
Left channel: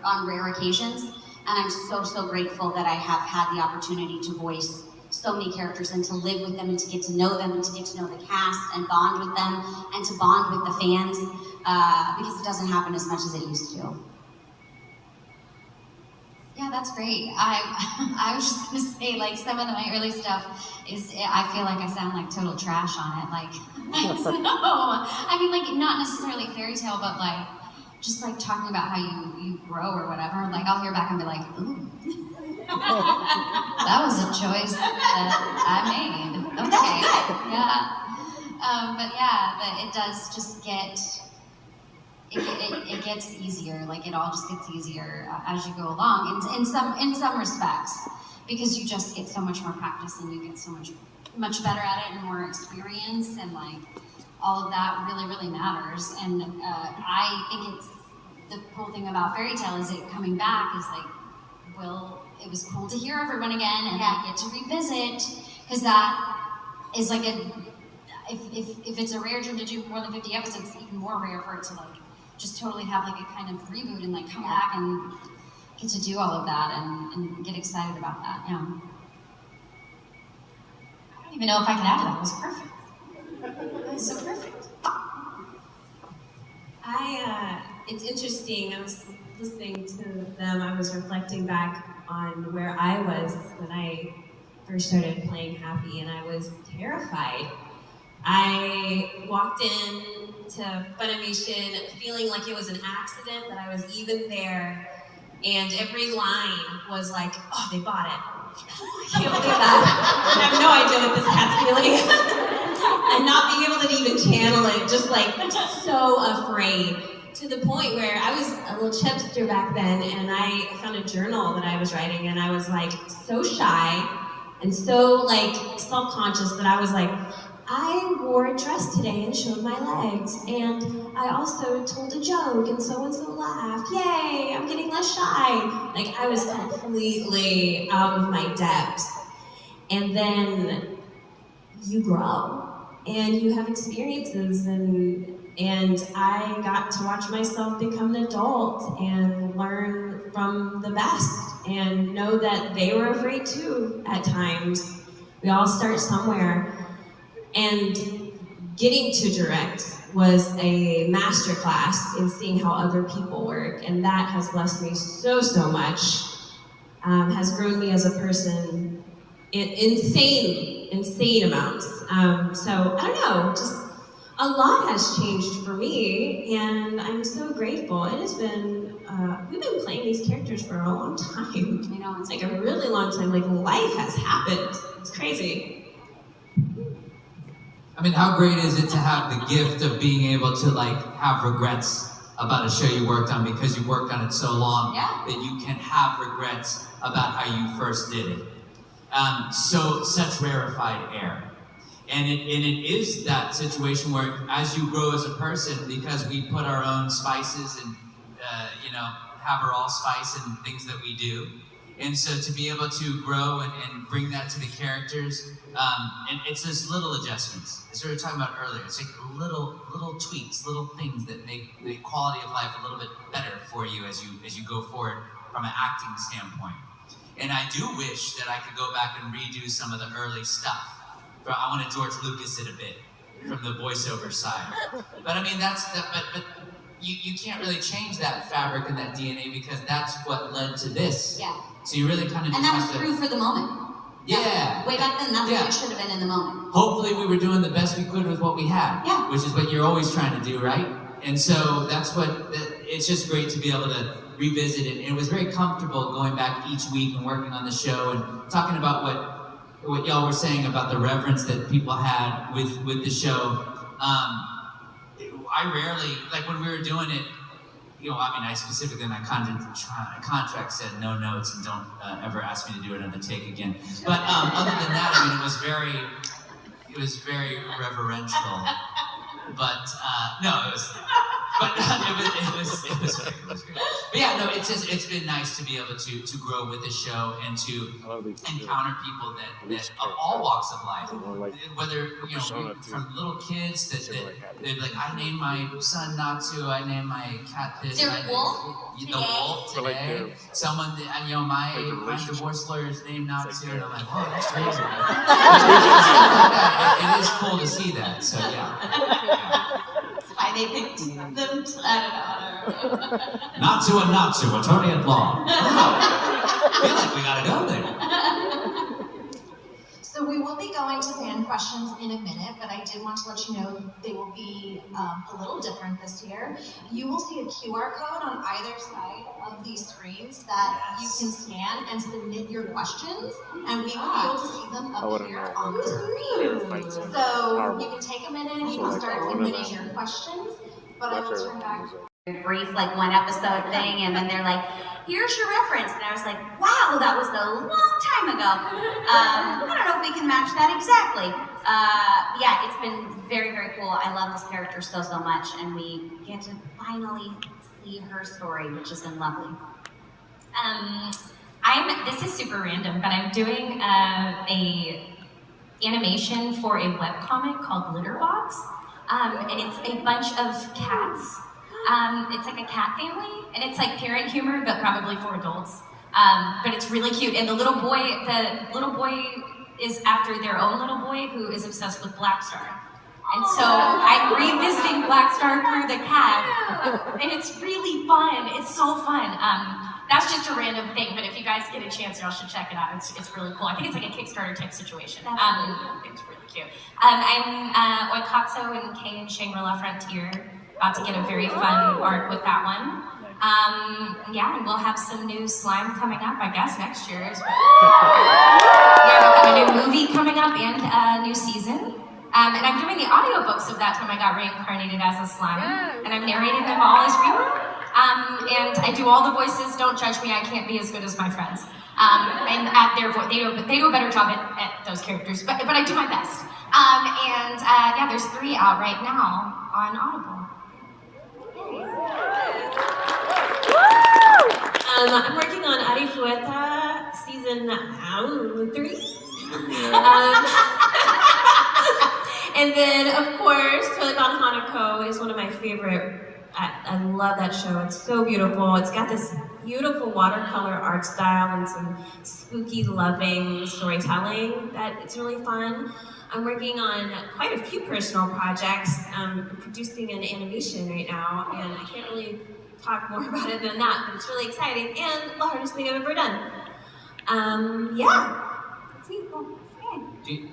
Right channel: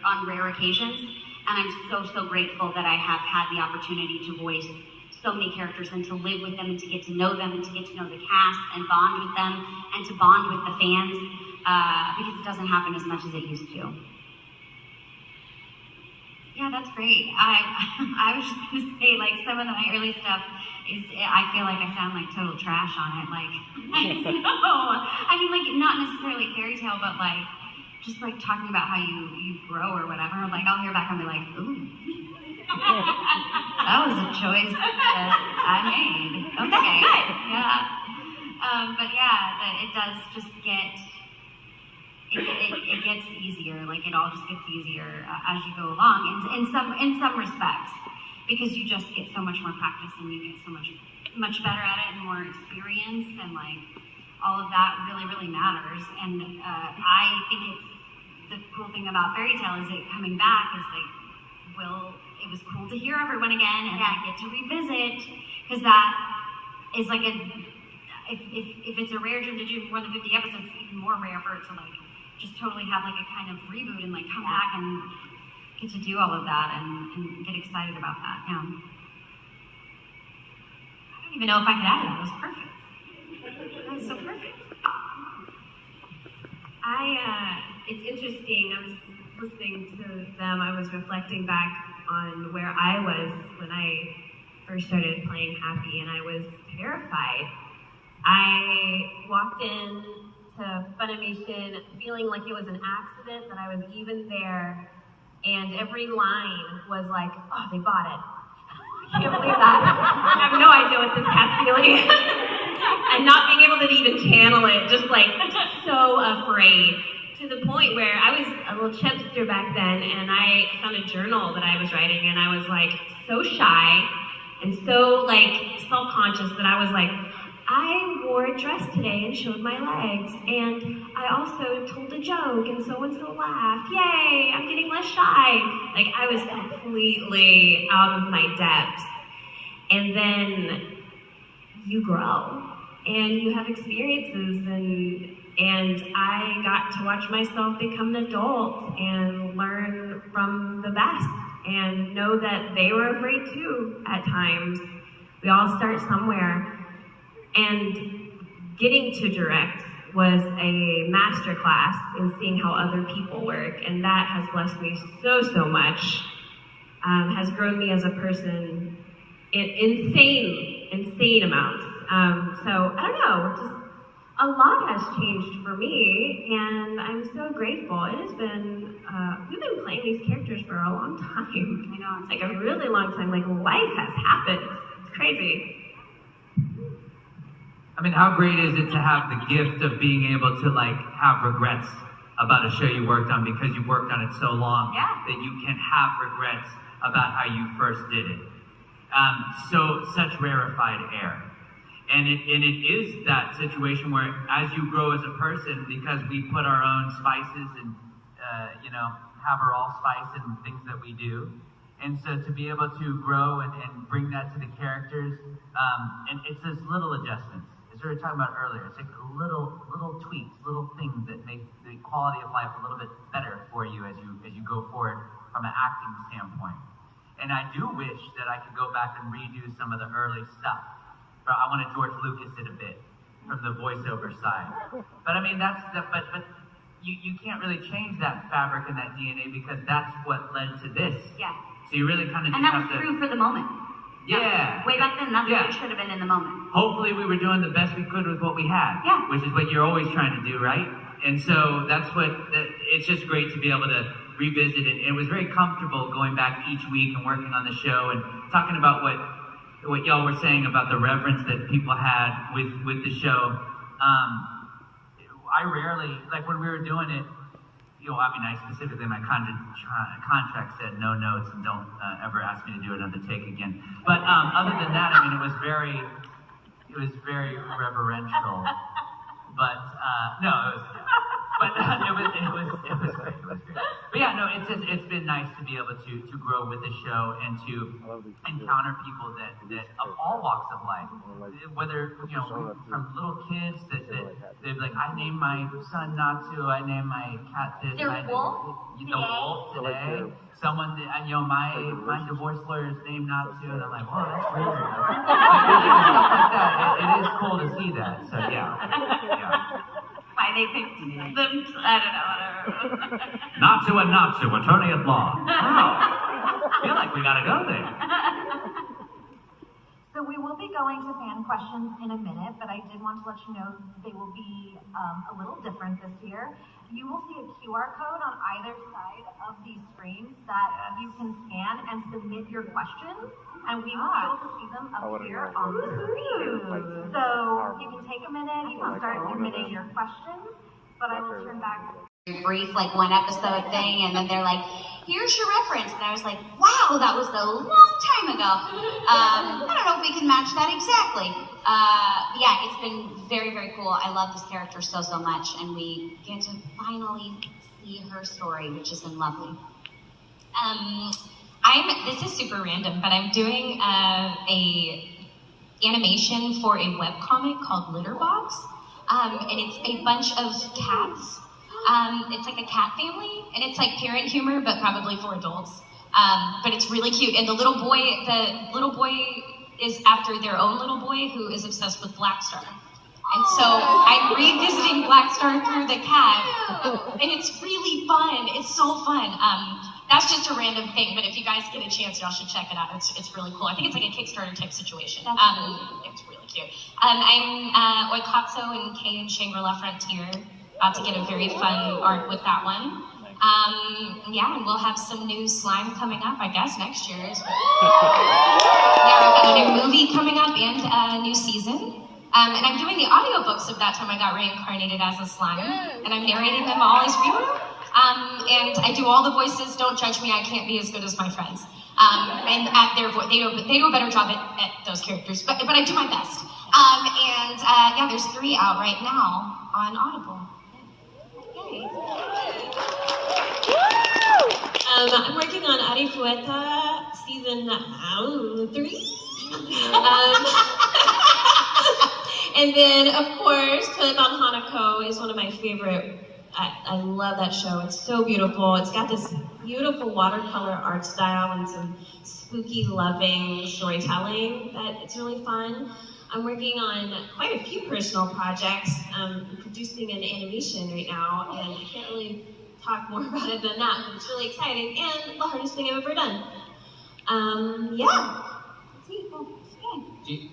on rare occasions. And I'm so grateful that I have had the opportunity to voice so many characters and to live with them and to get to know them and to get to know the cast and bond with them and to bond with the fans because it doesn't happen as much as it used to. Yeah, that's great. I was just gonna say, like, some of my early stuff is, I feel like I sound like total trash on it. Like, no, I mean, like, not necessarily fairy tale, but like, just like talking about how you grow or whatever. Like, I'll hear back and be like, ooh, that was a choice that I made. Okay, That's good. Yeah. But yeah, it does just get. It gets easier. Like it all just gets easier as you go along. In some respects, because you just get so much more practice and you get so much better at it and more experience, and like all of that really matters. And I think it's the cool thing about Fairy Tale is it coming back is like, well, it was cool to hear everyone again and I get to revisit, because that is like if it's a rare dream to do more than 50 episodes, it's even more rare for it to like just totally have like a kind of reboot and like come back and get to do all of that and get excited about that. Yeah. I don't even know if I can add to that. It was perfect. That was so perfect. It's interesting. I was listening to them. I was reflecting back on where I was when I first started playing Happy, and I was terrified. I walked in to Funimation feeling like it was an accident that I was even there, and every line was like, oh, they bought it. I can't believe that. I have no idea what this cat's feeling. And not being able to even channel it, just like so afraid. to the point where I was a little chipster back then, and I found a journal that I was writing, and I was like so shy and so like self-conscious that I was like, I wore a dress today and showed my legs, and I also told a joke and so laughed. Yay, I'm getting less shy. Like I was completely out of my depth. And then you grow and you have experiences, and I got to watch myself become an adult and learn from the best and know that they were afraid too at times. We all start somewhere. And getting to direct was a masterclass in seeing how other people work, and that has blessed me so much. Has grown me as a person in insane amounts. So I don't know, just a lot has changed for me, and I'm so grateful. It has been, we've been playing these characters for a long time. I know, It's like a really long time. Like life has happened. It's crazy. I mean, how great is it to have the gift of being able to like have regrets about a show you worked on because you worked on it so long that you can have regrets about how you first did it. Such rarefied air. And it is that situation where as you grow as a person, because we put our own spices and, have our allspice and things that we do. And so to be able to grow and bring that to the characters, and it's those little adjustments. As we were talking about earlier, it's like little tweaks, little things that make the quality of life a little bit better for you as you go forward from an acting standpoint. And I do wish that I could go back and redo some of the early stuff. I want to George Lucas it a bit from the voiceover side. But I mean, but you can't really change that fabric and that DNA because that's what led to this. Yeah. So you really kind of and that was true for the moment. Yeah. Way back then, that's what it should have been in the moment. Hopefully we were doing the best we could with what we had. Yeah. Which is what you're always trying to do, right? And so it's just great to be able to revisit it. And it was very comfortable going back each week and working on the show and talking about what y'all were saying about the reverence that people had with the show. I rarely, like when we were doing it, I specifically in my contract said no notes and don't ever ask me to do another take again. But other than that, I mean, it was very reverential. But no, it was great. It was great. But yeah, no, it's been nice to be able to grow with the show and to encounter people that of all walks of life, whether from little kids that they're like, I named my son Natsu, I named my cat this, the wolf today. Someone that my divorce lawyer's named Natsu, and I'm like, oh, that's crazy. Stuff like that. It is cool to see that. So yeah. Why they picked them? I don't know. Natsu and Natsu, attorney at law. Wow. I feel like we gotta go there. So we will be going to fan questions in a minute, but I did want to let you know they will be a little different this year. You will see a QR code on either side of these screens that you can scan and submit your questions, and we will be able to see them appear on the screen. So you can take a minute, you can start submitting your questions, but I will turn back. Brief, like one episode thing, and then they're like, here's your reference. And I was like, wow, that was a long time ago. I don't know if we can match that exactly. Yeah, it's been very, very cool. I love this character so much, and we get to finally see her story, which has been lovely. This is super random, but I'm doing a animation for a webcomic called Litterbox, and it's a bunch of cats. It's like a cat family, and it's like parent humor, but probably for adults. But it's really cute, and the little boy is after their own little boy who is obsessed with Black Star. And so I'm revisiting Black Star through the cat, and it's really fun. It's so fun. That's just a random thing, but if you guys get a chance, y'all should check it out. It's really cool. I think it's like a Kickstarter type situation. It's really cute. I'm Oikatsu and Kay and Shangri-La Frontier. About to get a very fun art with that one. And we'll have some new slime coming up, I guess, next year. Yeah, we've got a new movie coming up and a new season. And I'm doing the audiobooks of That Time I Got Reincarnated as a Slime, and I'm narrating them all as we were. And I do all the voices. Don't judge me, I can't be as good as my friends. And at their voice, they do a better job at those characters, but I do my best. Yeah, there's 3 out right now on Audible. I'm working on Ari Fueta season 3. And then, of course, Toileban Hanako is one of my favorite. I love that show. It's so beautiful. It's got this beautiful watercolor art style and some spooky, loving storytelling that it's really fun. I'm working on quite a few personal projects. I'm producing an animation right now, and I can't really talk more about it than that, but it's really exciting and the hardest thing I've ever done. Yeah, that's me. Cool. Okay.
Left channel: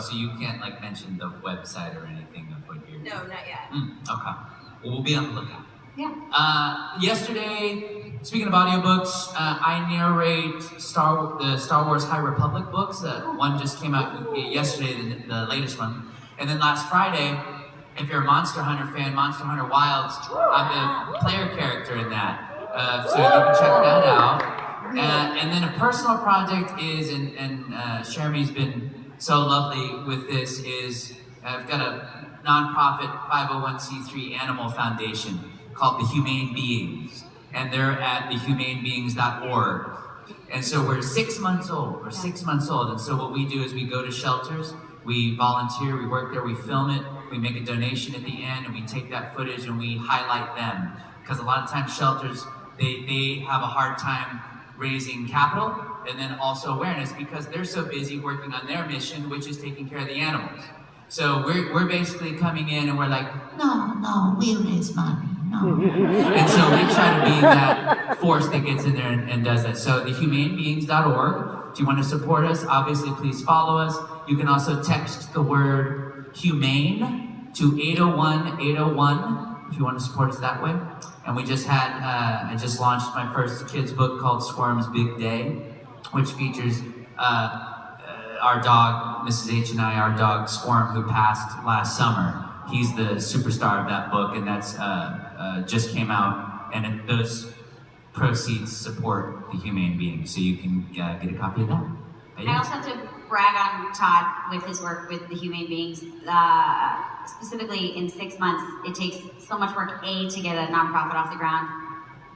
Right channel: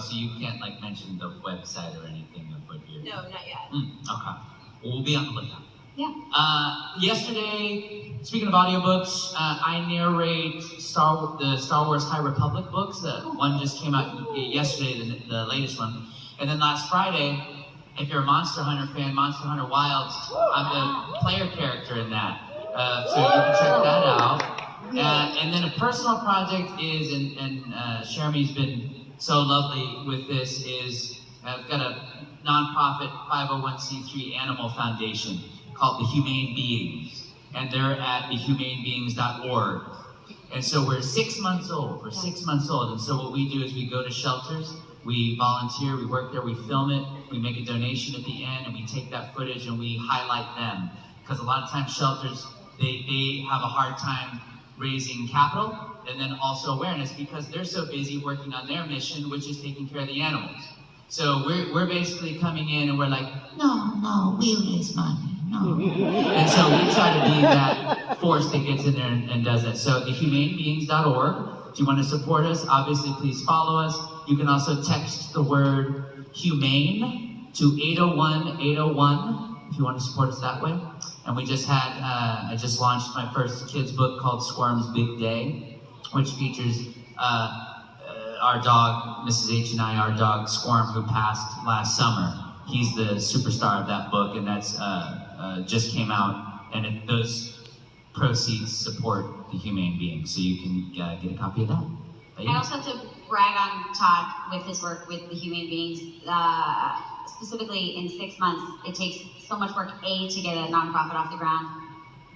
So you can't like mention the website or anything of what you're doing? No, not yet. Okay. Well, we'll be on the lookout. Yeah. Yesterday, speaking of audiobooks, I narrate the Star Wars High Republic books. One just came out yesterday, the latest one. And then last Friday, if you're a Monster Hunter fan, Monster Hunter Wilds, I'm the player character in that. So you can check that out. And then a personal project is, and Shermie's been so lovely with this, is I've got a nonprofit 501c3 animal foundation called the Humane Beings, and they're at thehumanebeings.org. And so we're 6 months old. And so what we do is we go to shelters, we volunteer, we work there, we film it, we make a donation at the end, and we take that footage and we highlight them. Because a lot of times shelters, they have a hard time raising capital and then also awareness because they're so busy working on their mission, which is taking care of the animals. So we're basically coming in and we're like, no, we raise money, no. And so we try to be that force that gets in there and does that. So thehumanebeings.org, if you want to support us, obviously please follow us. You can also text the word humane to 801-801 if you want to support us that way. And we just had, I just launched my first kids book called Squirm's Big Day, which features our dog, Mrs. H and I, our dog Squirm, who passed last summer. He's the superstar of that book, and that's just came out, and those proceeds support the Humane Beings, so you can get a copy of that. I also have to brag on Todd with his work with the Humane Beings. Specifically, in 6 months, it takes so much work, A, to get a nonprofit off the ground,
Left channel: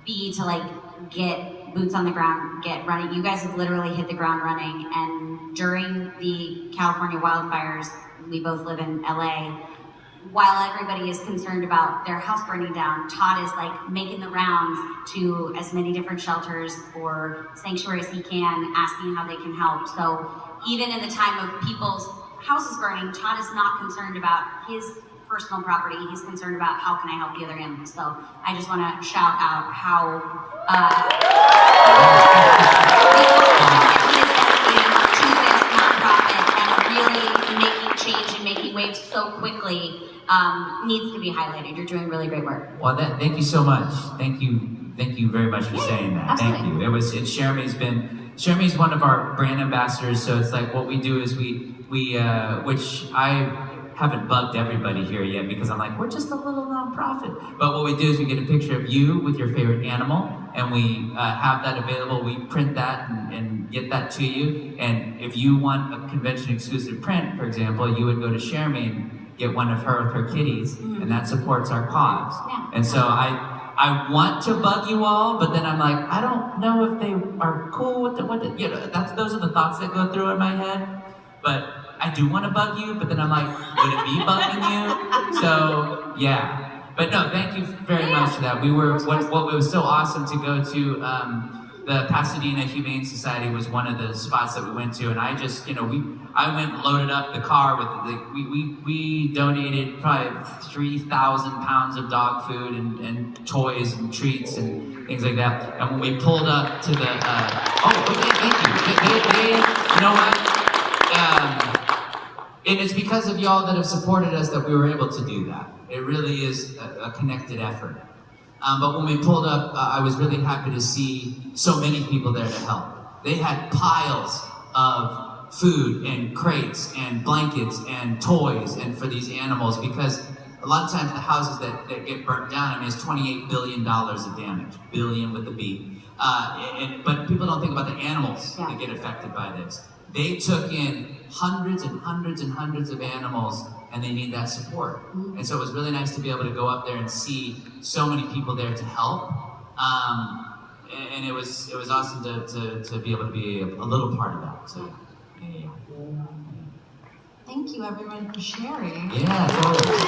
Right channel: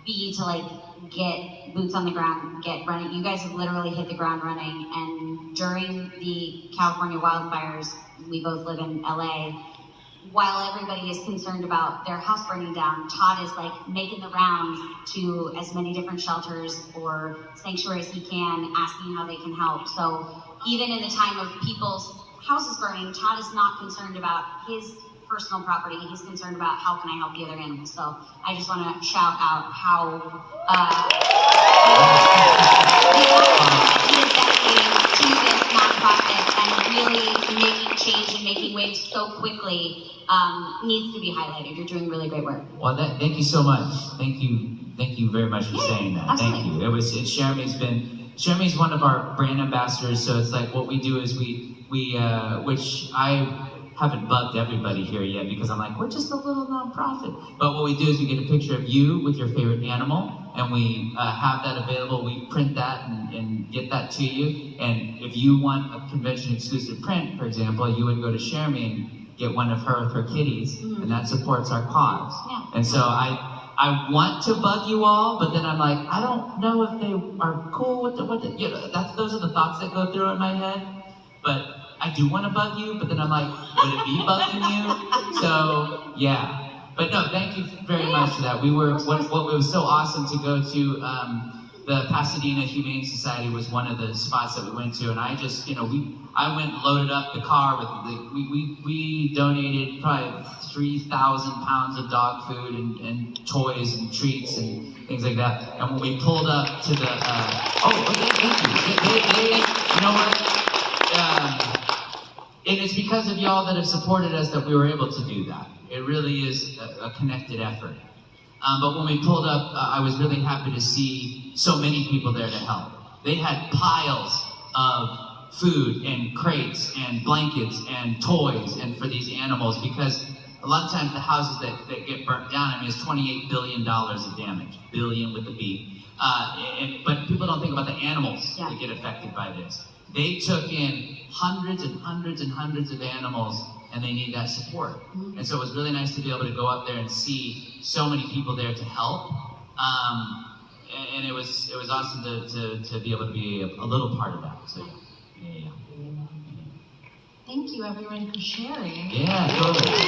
B, to get boots on the ground, get running. You guys have literally hit the ground running, and during the California wildfires, we both live in LA, while everybody is concerned about their house burning down, Todd is making the rounds to as many different shelters or sanctuaries he can, asking how they can help. So even in the time of people's houses burning, Todd is not concerned about his personal property. He's concerned about how can I help the other animals. So I just want to shout out how he is dedicated to this nonprofit and really making change and making waves so quickly needs to be highlighted. You're doing really great work. Well, thank you so much. Thank you very much for saying that. Absolutely. Thank you. Shermie's one of our brand ambassadors, so it's like what we do is we which I haven't bugged everybody here yet because I'm like, we're just a little nonprofit. But what we do is we get a picture of you with your favorite animal, and we have that available. We print that and get that to you. And if you want a convention exclusive print, for example, you would go to Shermie and get one of her with her kitties, and that supports our cause. Yeah. And so I want to bug you all, but then I'm like, I don't know if they are cool with those are the thoughts that go through in my head. But I do want to bug you, but then I'm like, would it be bugging you? So yeah. But no, thank you very much for that. What was so awesome to go to the Pasadena Humane Society was one of the spots that we went to, and I just, I went and loaded up the car with we donated probably 3,000 pounds of dog food and toys and treats and things like that. And when we pulled up to the, thank you. You know what? And it's because of y'all that have supported us that we were able to do that. It really is a connected effort. But when we pulled up, I was really happy to see so many people there to help. They had piles of food and crates and blankets and toys and for these animals, because a lot of times the houses that get burnt down, I mean, it's $28 billion of damage, billion with a B. But people don't think about the animals that get affected by this. They took in hundreds and hundreds and hundreds of animals, and they need that support. And so it was really nice to be able to go up there and see so many people there to help. And it was awesome to be able to be a little part of that. So yeah. Thank you, everyone, for sharing. Yeah, totally.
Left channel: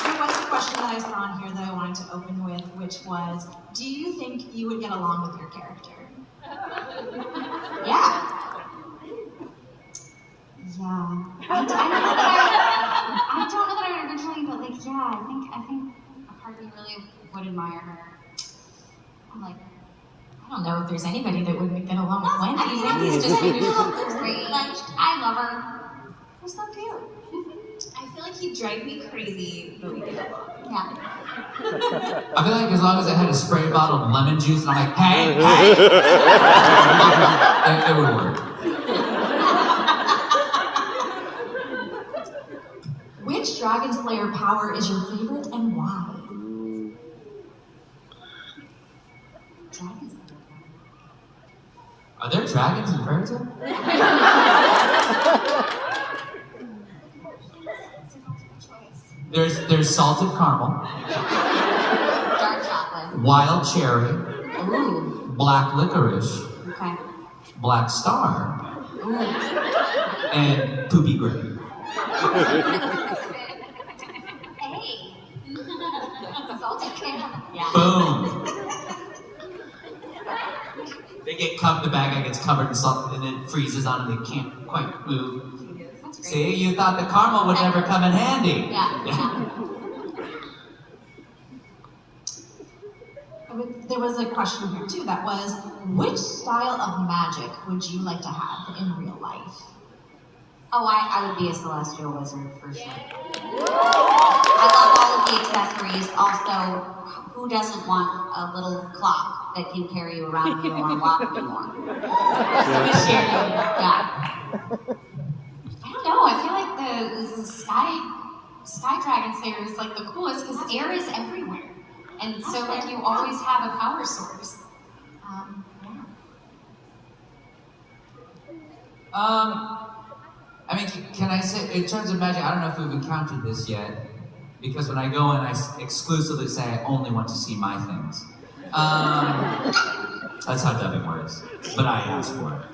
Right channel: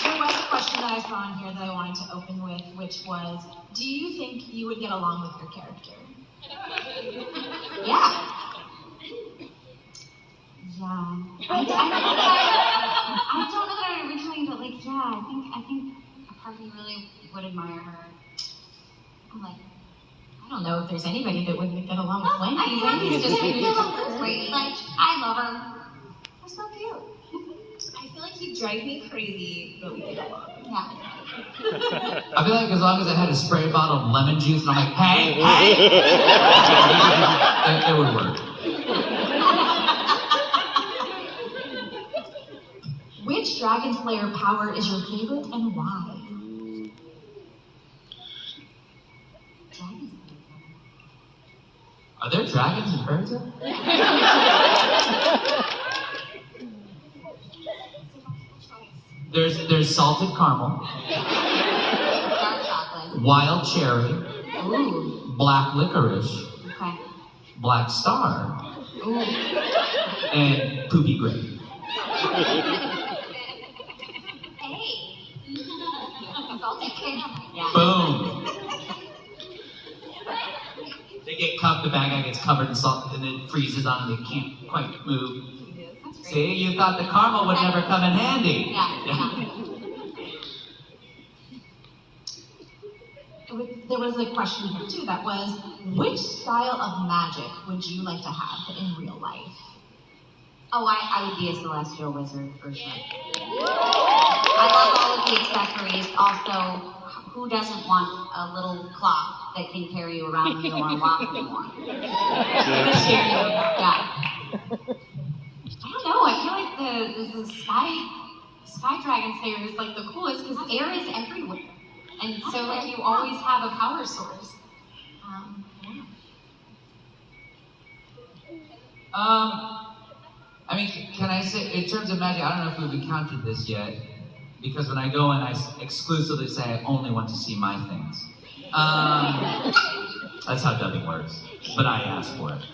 There was a question that I saw on here that I wanted to open with, which was, do you think you would get along with your character? Yeah. I don't know that I originally, but like, yeah, I think a part of me really would admire her. I'm like, I don't know if there's anybody that wouldn't get along with Wendy. I mean, Wendy's just great. Like, I love her. We're so cute. I feel like he'd drive me crazy, but we get along. Yeah. I feel like as long as I had a spray bottle of lemon juice and I'm like, hey, it would work. Which Dragon Slayer power is your favorite and why? Are there dragons in fairy tale? There's salted caramel, Dark chocolate. wild cherry, Ooh. black licorice, Okay. black star, Ooh. and poopy grape. Hey. Salted caramel. Yeah. Boom. They get the bag gets covered in salt and then freezes on them. They can't quite move. That's great. See, you thought the caramel would never come in handy. Yeah. There was a question here too that was, which style of magic would you like to have in real life? Oh, I would be a celestial wizard for sure. I love all of the accessories. Also, who doesn't want a little clock that can carry you around when you don't want to walk anymore? Yeah. I don't know. I feel like the sky dragon slayer is like the coolest because air is everywhere, and so like you always have a power source. I mean, can I say, in terms of magic, I don't know if we've encountered this yet, because when I go in, I exclusively say I only want to see my things. That's how dubbing works, but I asked for it.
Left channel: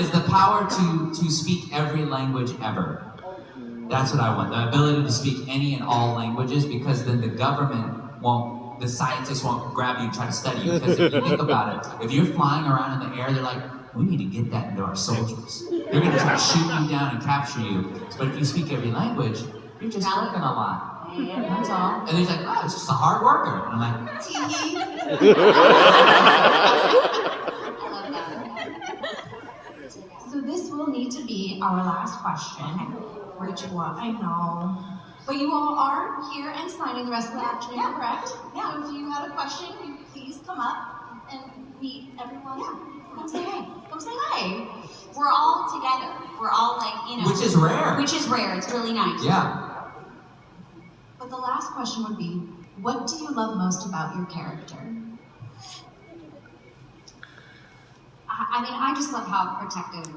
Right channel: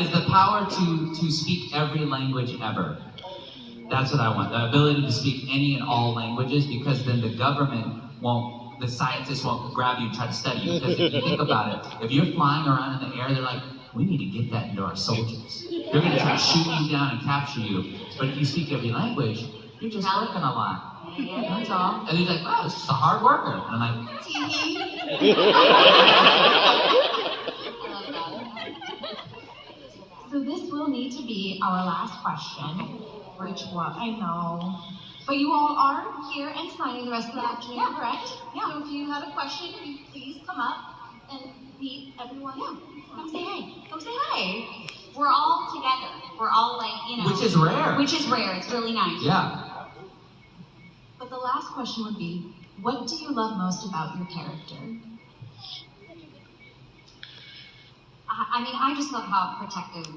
Is the power to speak every language ever. That's what I want, the ability to speak any and all languages, because then the government won't, the scientists won't grab you and try to study you, because if you think about it, if you're flying around in the air, they're like, we need to get that into our soldiers. They're going to try to shoot you down and capture you. But if you speak every language, you're just working a lot. That's all. And he's like, oh, it's just a hard worker. And I'm like, So this will need to be our last question, which was, I know, but you all are here and signing the rest of the afternoon, correct? Yeah. So if you have a question, you please come up and meet everyone. Yeah. Come say hi. Come say hi. We're all together. We're all like, you know. which is rare. Which is rare. It's really nice. Yeah. But the last question would be, what do you love most about your character? I mean, I just love how protective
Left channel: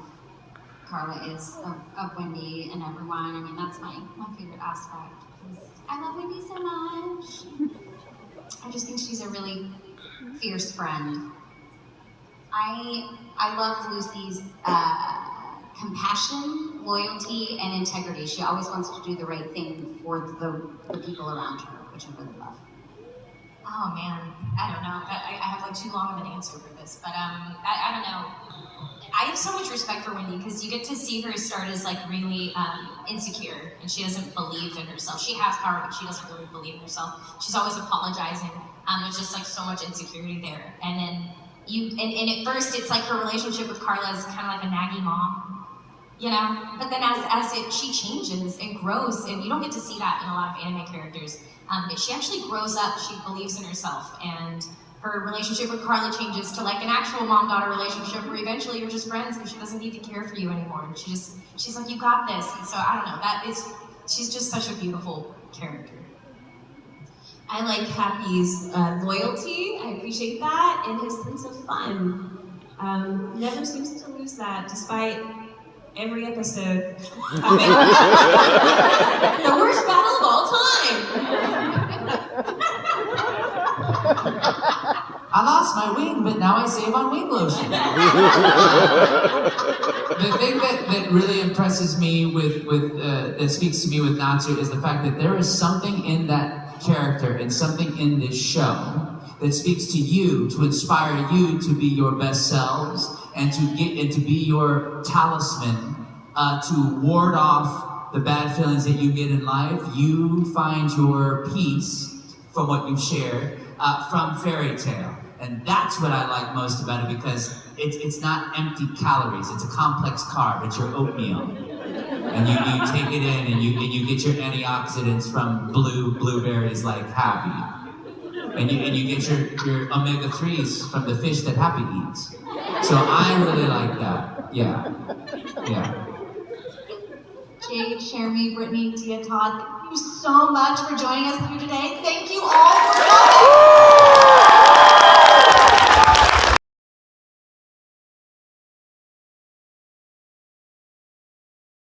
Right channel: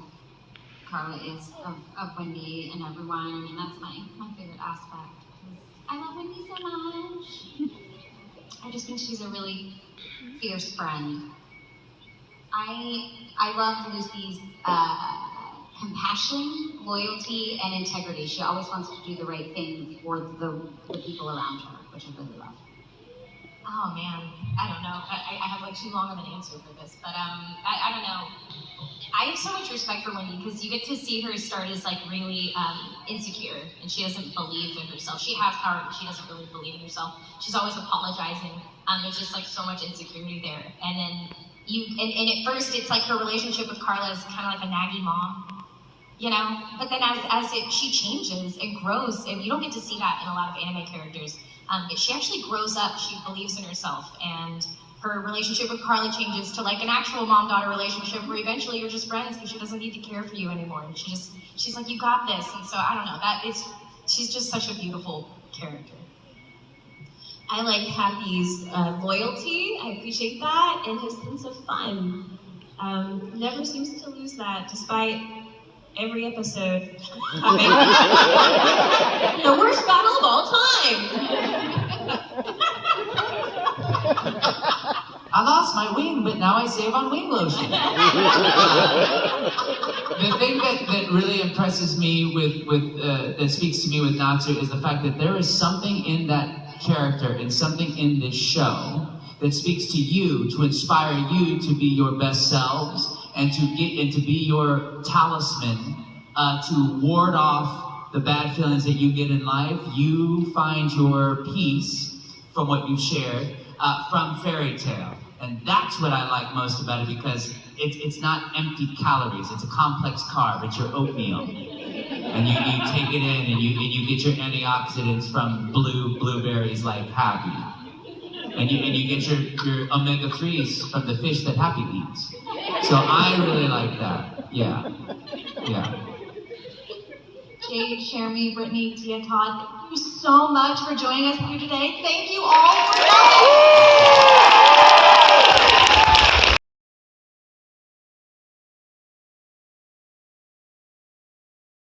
Carla is of Wendy and everyone. I mean, that's my favorite aspect. I love Wendy so much. I just think she's a really fierce friend. I love Lucy's compassion, loyalty, and integrity. She always wants to do the right thing for the people around her, which I really love. Oh man, I don't know. I have like too long of an answer for this, but I don't know. I have so much respect for Wendy because you get to see her start as like really insecure, and she doesn't believe in herself. She has power, but she doesn't really believe in herself. She's always apologizing. There's just like so much insecurity there, and then and at first it's like her relationship with Carla is kind of like a naggy mom, you know. But then she changes and grows, and you don't get to see that in a lot of anime characters. She actually grows up. She believes in herself, and her relationship with Carly changes to like an actual mom-daughter relationship where eventually you're just friends because she doesn't need to care for you anymore. And she's like, you got this. And so I don't know, she's just such a beautiful character. I like Happy's loyalty. I appreciate that, and his sense of fun. Never seems to lose that, despite every episode having the worst battle of all time. I lost my wing, but now I save on wing lotion. The thing that really impresses me that speaks to me with Natsu is the fact that there is something in that character and something in this show that speaks to you, to inspire you to be your best selves and to be your talisman to ward off the bad feelings that you get in life. You find your peace from what you've shared from Fairy Tale. And that's what I like most about it, because it's not empty calories. It's a complex carb. It's your oatmeal. And you take it in and you get your antioxidants from blueberries like Happy. And you get your omega-3s from the fish that Happy eats. So I really like that. Yeah. Jade, Jeremy, Brittany, Tia, Todd, thank you so much for joining us here today. Thank you all for coming.